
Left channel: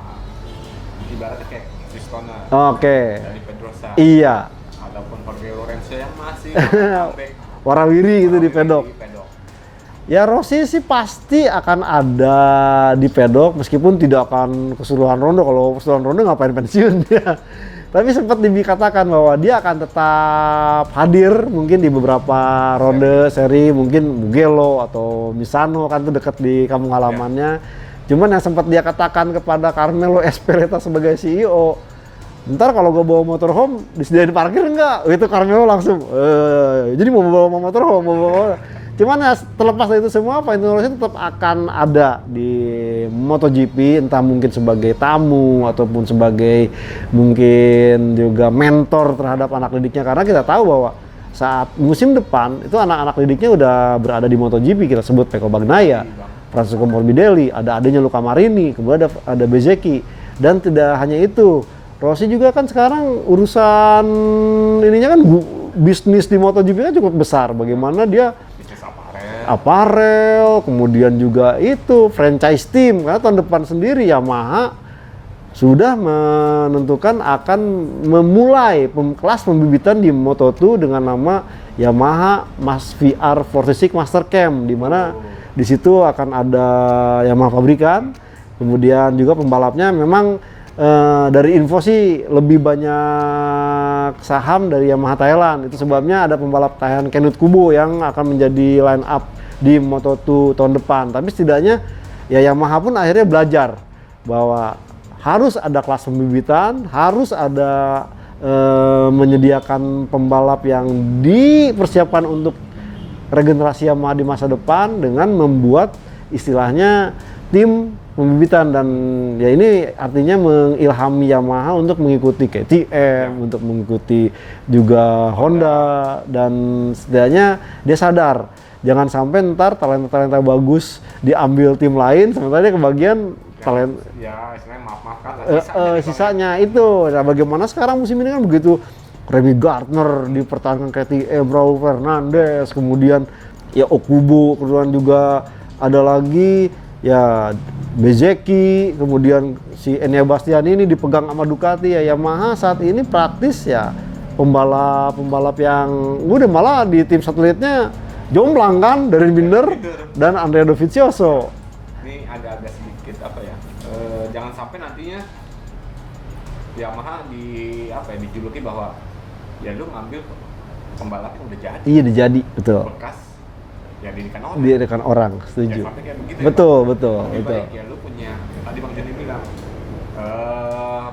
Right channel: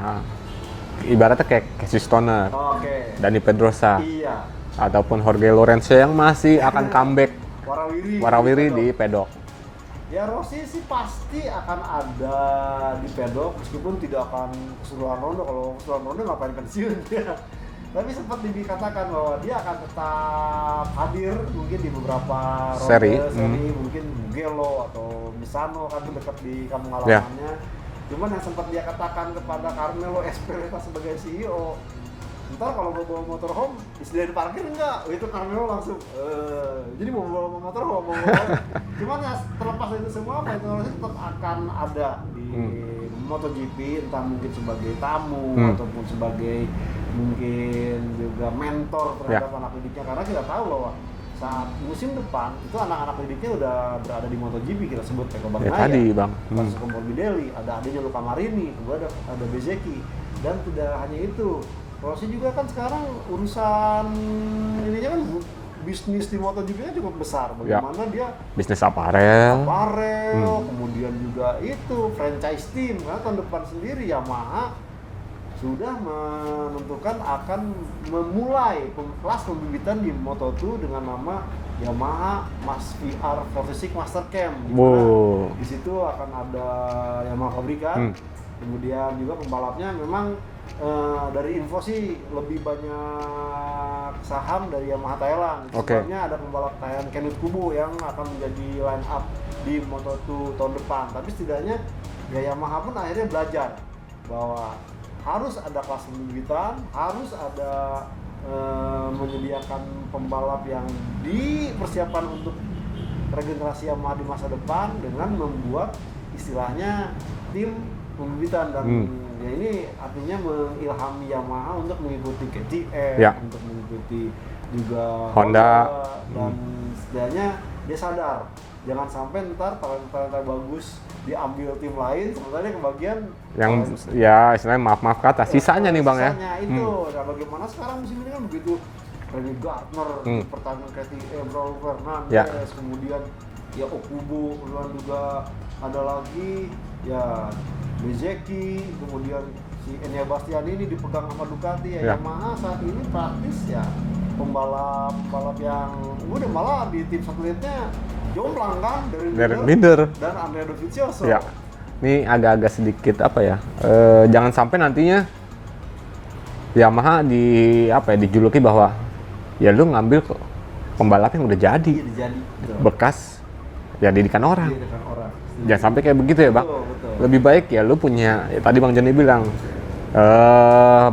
ibaratnya kayak Casey Stoner, Oke. Dani Pedrosa, Iya. ataupun Jorge Lorenzo yang masih akan comeback Warawiri gitu di pedok. di pedok. Ya Rossi sih pasti akan ada di pedok meskipun tidak akan keseluruhan rondo. Kalau keseluruhan rondo ngapain pensiun dia. Tapi sempat dikatakan bahwa dia akan tetap hadir mungkin di beberapa ronde seri mungkin Mugello atau Misano kan itu dekat di kampung halamannya. Cuman yang sempat dia katakan kepada Carmelo Ezpeleta sebagai CEO, ntar kalau gue bawa motorhome disediain parkir enggak? Itu Carmelo langsung jadi mau bawa motorhome, mau bawa. Cuman ya terlepas dari itu semua, Valentino Rossi tetap akan ada di MotoGP, entah mungkin sebagai tamu ataupun sebagai mungkin juga mentor terhadap anak didiknya, karena kita tahu bahwa saat musim depan itu anak-anak didiknya udah berada di MotoGP. Kita sebut Pecco Bagnaia, Francesco Morbidelli, ada adanya Luca Marini, kemudian ada Bezzecchi, dan tidak hanya itu, Rossi juga kan sekarang urusan ininya kan bisnis di MotoGP kan cukup besar. Bagaimana dia bisnis aparel, kemudian juga itu franchise team, karena tahun depan sendiri Yamaha sudah menentukan akan memulai kelas pembibitan di Moto2 dengan nama Yamaha VR46 Master Camp, di mana di situ akan ada Yamaha pabrikan, kemudian juga pembalapnya memang dari info sih lebih banyak saham dari Yamaha Thailand. Itu sebabnya ada pembalap Thailand Kenut Kubo yang akan menjadi line up di Moto2 tahun depan. Tapi setidaknya ya Yamaha pun akhirnya belajar bahwa harus ada kelas pembibitan, harus ada menyediakan pembalap yang dipersiapkan untuk regenerasi Yamaha di masa depan dengan membuat istilahnya tim pembibitan. Dan ya ini artinya mengilhami Yamaha untuk mengikuti KTM, untuk mengikuti juga Honda, dan setidaknya dia sadar jangan sampai ntar talenta-talenta bagus diambil tim lain sementara dia kebagian yang ya istilahnya maaf kata sisanya nih Bang. Sisanya itu. Nah, bagaimana sekarang musim ini kan begitu, Remy Gardner dipertahankan KTM, Raul Fernandez, kemudian ya Okubo, kemudian juga ada lagi ya Bezzecchi, kemudian si Enea Bastianini ini dipegang sama Ducati ya. Yamaha saat ini praktis ya pembalap yang udah malah di tim satelitnya jomplang kan, dari Binder dan Andrea Dovizioso. Ya. Ini agak-agak sedikit apa ya? Jangan sampai nantinya Yamaha dijuluki bahwa ya lu ngambil pembalap yang udah jadi. Iya, jadi betul. Bekas ya didikan orang. Didikan orang. Setuju. Jangan sampai kayak begitu ya, Bang. Betul. Lebih baik ya lu punya ya tadi Bang Joni bilang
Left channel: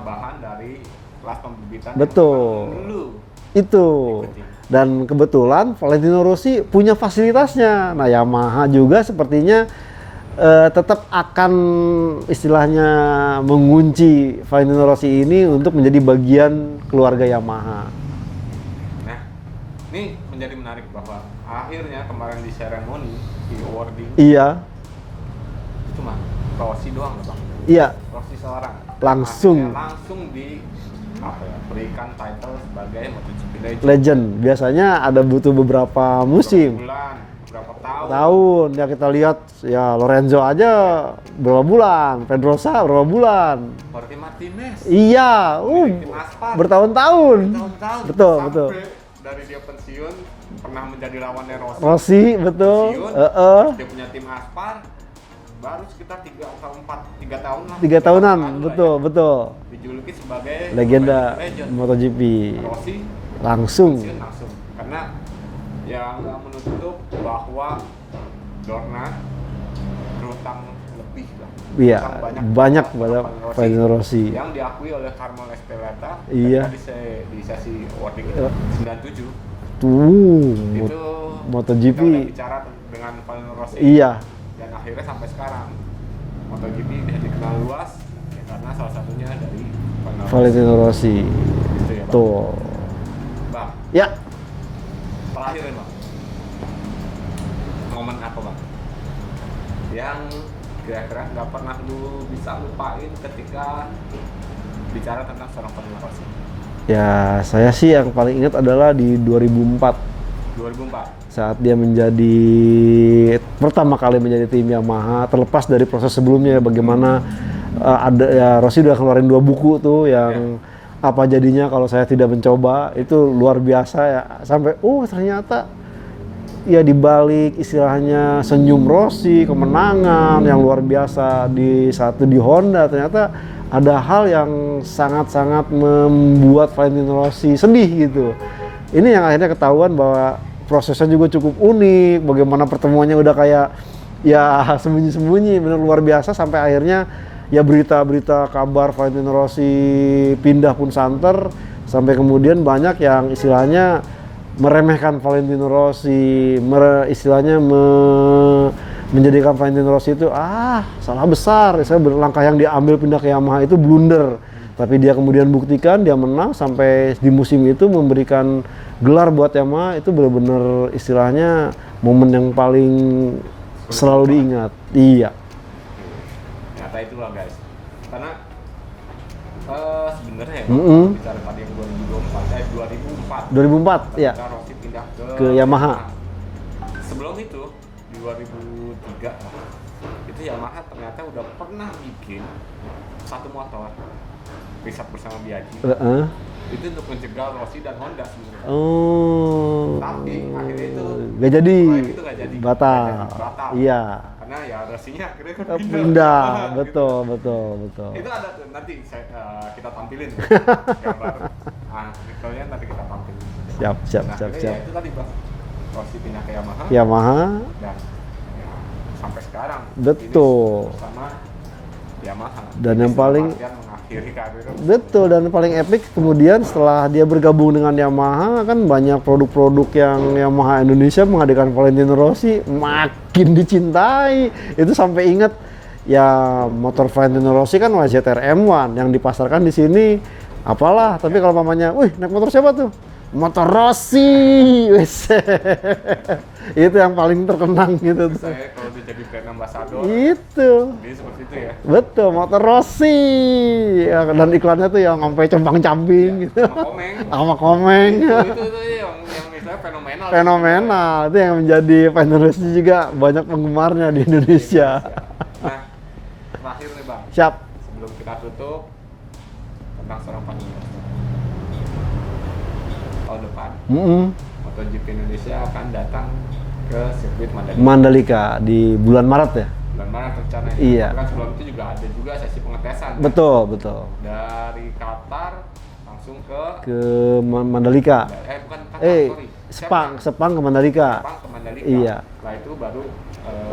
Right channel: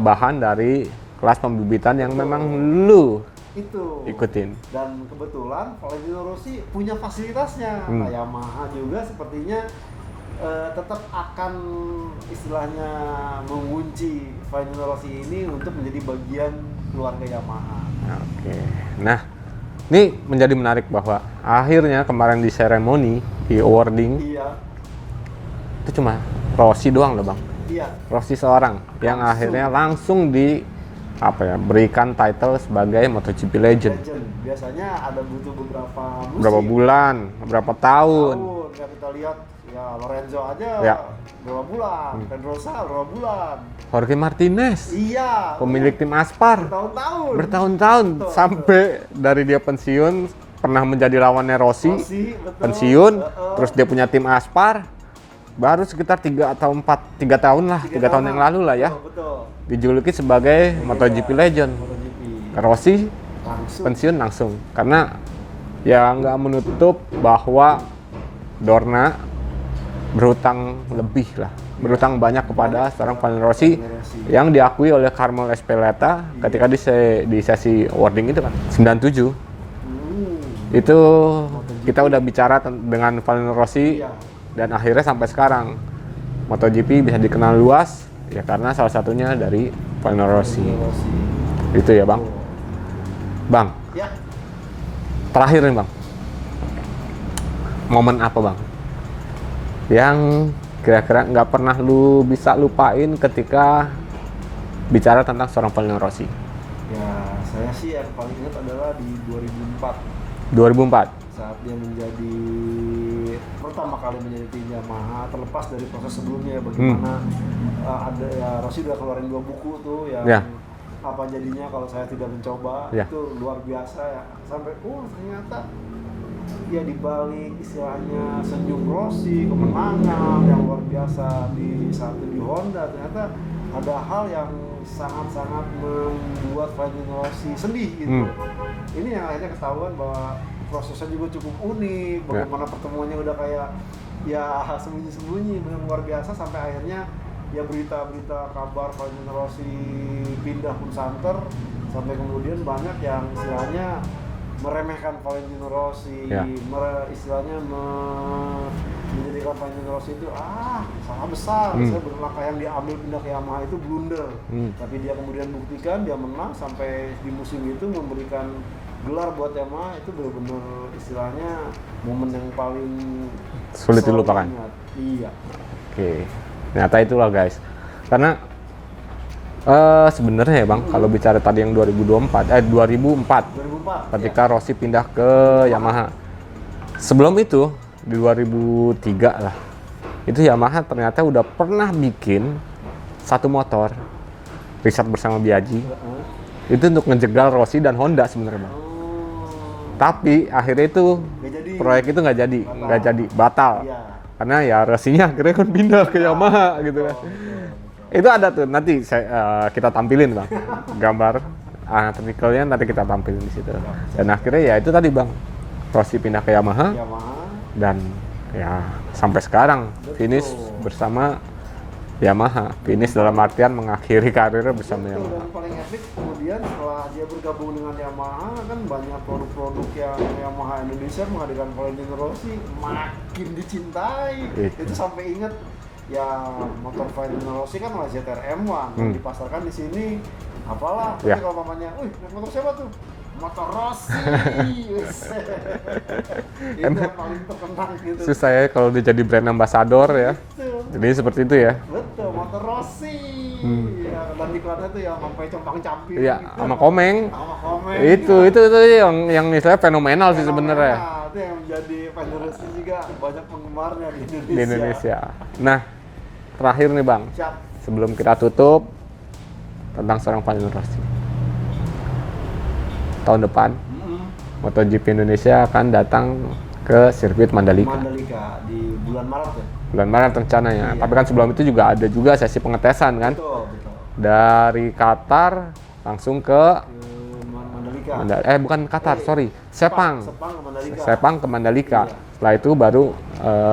bahan dari kelas pembibitan yang memang lu ikutin. Dan kebetulan Valentino Rossi punya fasilitasnya. Nah, Yamaha juga sepertinya tetap akan istilahnya mengunci Valentino Rossi ini untuk menjadi bagian keluarga Yamaha. Nah, ini menjadi menarik bahwa akhirnya kemarin di seremoni, di awarding, itu cuma Rossi doang loh Bang. Iya. Rossi seorang yang akhirnya langsung berikan title sebagai MotoGP Legend. Biasanya ada butuh beberapa musim. Beberapa bulan, beberapa tahun. Ya kita lihat ya Lorenzo aja berapa bulan, Pedrosa berapa bulan. Jorge Martinez. Iya. Pemilik tim Aspar. Bertahun-tahun. Betul, sampai dari dia pensiun pernah menjadi lawannya Rossi, betul. Pensiun, terus dia punya tim Aspar. Baru sekitar 3 tahun lah, 3 tahun yang lalu lah ya. Betul. Dijuluki sebagai MotoGP Legend. MotoGP. Rossi langsung pensiun langsung. Karena ya nggak menutup bahwa Dorna berhutang lebih lah, Iya, berhutang banyak banyak kepada seorang pada Valentino Rossi, Valentino Rossi. yang diakui oleh Carmelo Espeleta Iya. ketika di sesi awarding itu kan 97. Itu MotoGP. kita udah bicara dengan Valentino Rossi. Iya. Dan akhirnya sampai sekarang MotoGP bisa dikenal luas ya karena salah satunya dari Valentino Rossi. Valentino Rossi. Itu ya Bang. Tuh. Bang, Ya, terakhir nih Bang. Momen apa Bang? Yang kira-kira nggak pernah lu bisa lupain ketika bicara tentang seorang Valentino Rossi? ya saya sih yang paling ingat adalah di 2004 2004. saat dia menjadi pertama kali menjadi tim Yamaha, terlepas dari proses sebelumnya bagaimana ada ya Rossi udah keluarin 2 buku tuh yang Ya. apa jadinya kalau saya tidak mencoba, Ya. itu luar biasa ya, sampai ternyata ya dibalik istilahnya senyum Rossi, kemenangan yang luar biasa di Honda, ternyata ada hal yang sangat-sangat membuat Valentino Rossi sedih gitu. Ini yang akhirnya ketahuan bahwa prosesnya juga cukup unik, bagaimana pertemuannya udah kayak ya sembunyi-sembunyi, benar luar biasa, sampai akhirnya ya berita-berita kabar Valentino Rossi pindah pun santer, sampai kemudian banyak yang istilahnya meremehkan Valentino Rossi, istilahnya menjadikan Valentino Rossi itu salah besar. Saya langkah yang diambil pindah ke Yamaha itu blunder. Tapi dia kemudian buktikan dia menang sampai di musim itu memberikan gelar buat Yamaha. Itu benar-benar istilahnya momen yang paling Sulit selalu dilupakan. diingat. Iya. Oke, ternyata itulah guys. Karena sebenarnya ya Bang, kalau bicara tadi yang 2004 2004 ketika ya. Rossi pindah ke Yamaha. Sebelum itu di 2003 lah. Itu Yamaha ternyata udah pernah bikin satu motor riset bersama Biaggi. Itu untuk ngejegal Rossi dan Honda sebenarnya Bang. Tapi akhirnya itu Gak jadi. proyek itu nggak jadi, batal. Iya. Karena ya Rossinya akhirnya kan pindah ke Yamaha gitu. Betul. Itu ada tuh nanti kita tampilin Bang. Gambar anatomikalnya nanti kita tampilin di situ. Dan akhirnya ya itu tadi Bang. Rossi pindah ke Yamaha dan ya sampai sekarang finish bersama Yamaha. Dan Finish yang dalam paling- artian mengakhiri karirnya bersama Betul, dan paling epic kemudian setelah dia bergabung dengan Yamaha, kan banyak produk-produk yang Yamaha Indonesia menghadirkan Valentino Rossi makin dicintai. Itu sampai ingat ya motor Valentino Rossi kan ZR M1 yang dipasarkan di sini apalah, tapi kalau mamanya, wih naik motor siapa tuh? Motor Rossi. Wes. Itu yang paling terkenang gitu. Susah ya kalau dia jadi brand ambassador ya. Itu. Jadi seperti itu ya. Betul, motor Rossi. Ya, dan iklannya tuh yang sampai cembang-camping Iya, gitu. sama Komeng. Sama Komeng. itu yang misalnya fenomenal sih sebenarnya. Fenomenal. Itu yang menjadi Valentino Rossi juga banyak penggemarnya di Di Indonesia. Nah, terakhir nih Bang, Siap. sebelum kita tutup tentang seorang Valentino Rossi. Tahun depan, MotoGP Indonesia akan datang ke sirkuit Mandalika. Mandalika di bulan Maret ya? Bulan Maret rencananya. Iya. Tapi kan sebelum itu juga ada juga sesi pengetesan kan. Betul. Dari Qatar langsung ke Mandalika. bukan Qatar, sorry. Sepang Sepang ke Mandalika. Sepang ke Mandalika. Iya. Setelah itu baru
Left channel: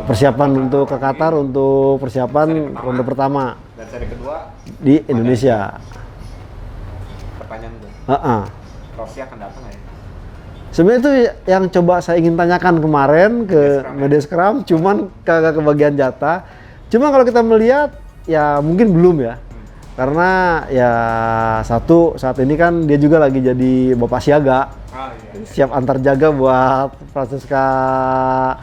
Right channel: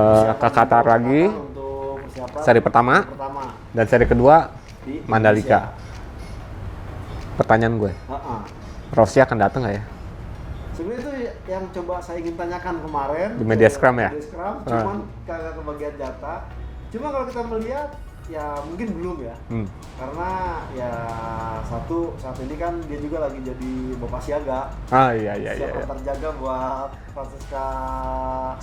Persiapan ke untuk lagi. Qatar untuk persiapan Seri pertama. untuk pertama Dan seri kedua di Mandalika. Indonesia. Pertanyaan gue, Rossi akan datang nggak ya? Sebenarnya itu yang coba saya ingin tanyakan kemarin Media ke Scrum ya? Media Scrum, cuman kagak kebagian jatah. Cuma kalau kita melihat ya mungkin belum ya. Karena ya satu saat ini kan dia juga lagi jadi bapak siaga, Iya. siap antar jaga buat Francesca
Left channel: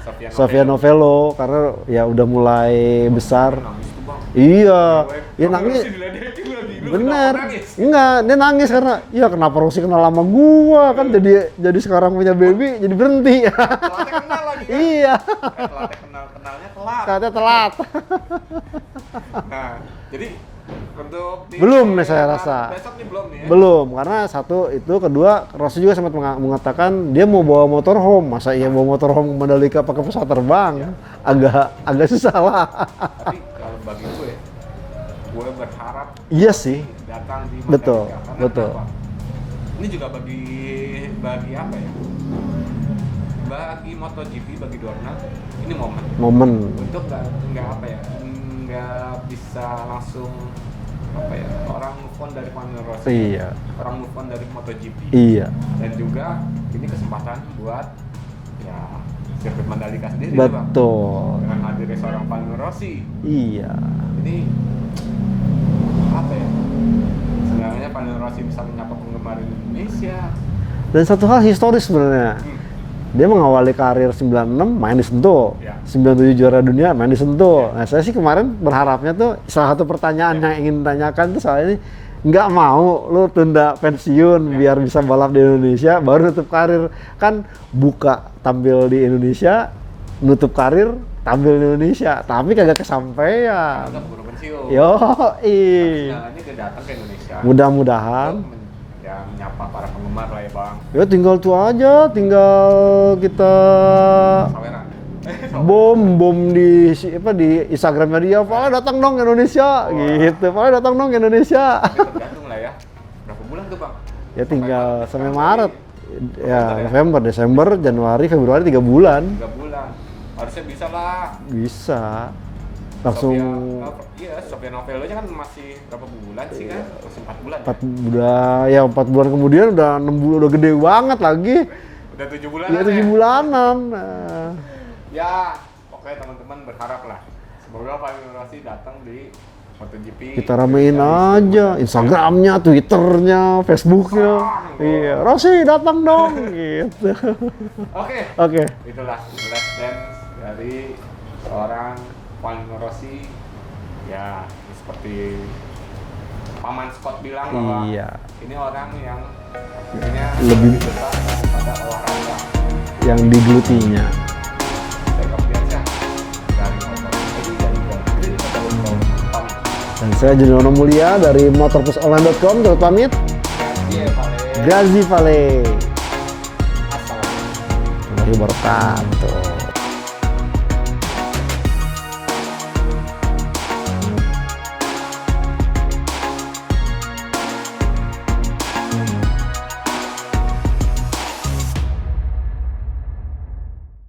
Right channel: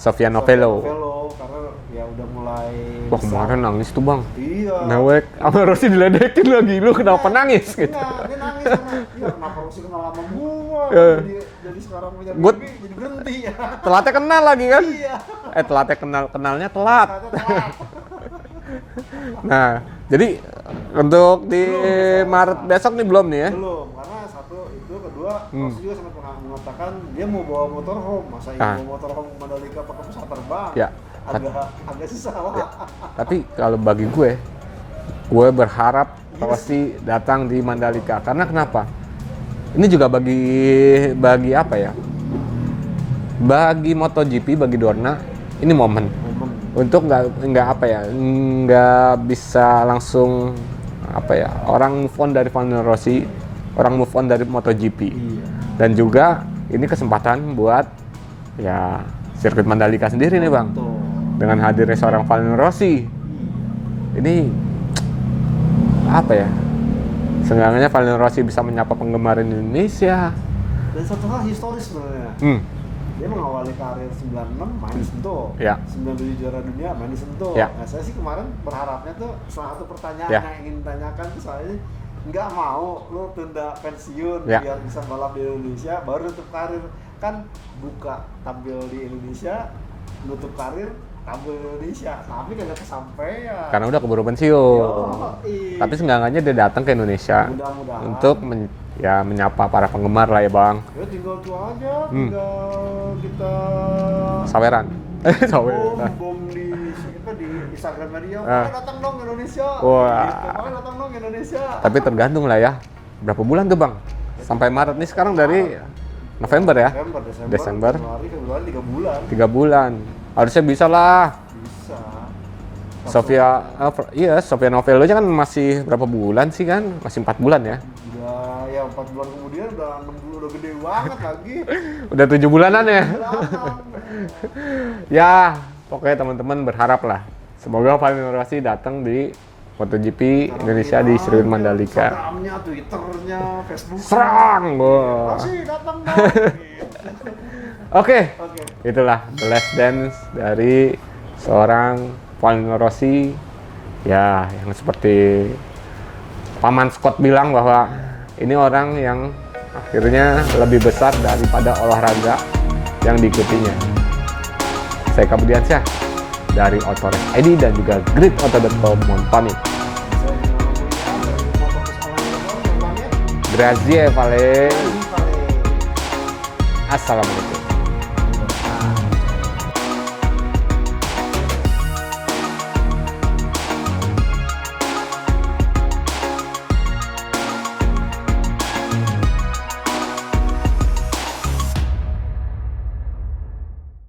Sofia Novello karena ya udah mulai besar. Kemarin nangis tuh Bang. Iya. Mewek. Ya, Apa nangis. Rossi diledekin lagi? Lu kenapa Bener. nangis? Enggak, dia nangis karena ya kenapa Rossi kenal sama gua kan jadi sekarang punya baby jadi berhenti. Telatnya kenal lagi kan? Iya. Telatnya kenalnya telat. Katanya telat. Nah, jadi untuk di Belum nih saya Maret rasa. besok nih belum nih ya? Belum, karena satu itu, kedua Rossi juga sempat mengatakan dia mau bawa motorhome. Masa iya bawa motorhome Mandalika pakai pesawat terbang? Ya. Agak susah lah. Tapi kalau bagi gue berharap Iya Rossi datang di Mandalika. Karena betul. kenapa? Ini juga bagi apa ya? Bagi MotoGP, bagi Dorna, ini momen untuk nggak apa ya, nggak bisa langsung apa ya, orang move on dari Valentino Rossi, Iya. orang move on dari MotoGP. Iya. Dan juga ini kesempatan buat ya sirkuit Mandalika sendiri nih Bang. Betul. Dengan hadirnya seorang Valentino Rossi. Iya. Ini apa ya? Seenggaknya Valentino Rossi bisa menyapa penggemar Indonesia. Dan satu hal historis sebenarnya. Dia mengawali karir 96 main di Sentul. Ya. 97 juara dunia main di Sentul. Ya. Nah, saya sih kemarin berharapnya tuh salah satu pertanyaan Ya. yang ingin ditanyakan tuh soal ini, nggak mau lu tunda pensiun Ya. biar bisa balap di Indonesia baru nutup karir. Kan buka tampil di Indonesia, nutup karir tampil di Indonesia, tapi kagak kesampaian. Karena udah keburu pensiun. Yoi. Tapi seenggaknya dia datang ke Indonesia Mudah-mudahan. untuk menyapa para penggemar lah ya Bang. Ya tinggal tuh aja, tinggal kita Saweran. bom di Instagramnya dia, Vale datang dong ke Indonesia, Wah. gitu. Vale datang dong ke Indonesia. Tapi tergantung lah ya. Berapa bulan tuh Bang? Ya, Sampai tinggal- Maret nih sekarang sampai dari Maret. November ya? November, Desember, Januari, Februari 3 bulan. 3 bulan. Harusnya bisa lah. Bisa. Langsung Sofia Novello aja kan masih berapa bulan sih kan? Masih 4 bulan ya? udah 4 bulan kemudian udah 6 bulan, udah gede banget lagi. Udah 7 bulanan Udah ya? 7 bulanan. Ya, pokoknya teman-teman berharap lah. Semoga Valentino Rossi datang di MotoGP Kita ramein Indonesia di Sirkuit aja Mandalika. Instagramnya, Twitternya, Facebooknya. Serang! Iya. Rossi datang dong, gitu. Oke, Oke. itulah The Last Dance dari seorang Valentino Rossi. Ya, yang seperti Paman Scott bilang bahwa Iya. ini orang yang akhirnya lebih besar daripada olahraga yang diikutinya. Saya Kabudiansyah dari Otonet ID dan juga gridauto.com pamit. Dan saya Juniono Mulia dari motorplusonline.com, jauh pamit. Grazie Vale. Grazie Vale. Assalamualaikum. Mari berkata.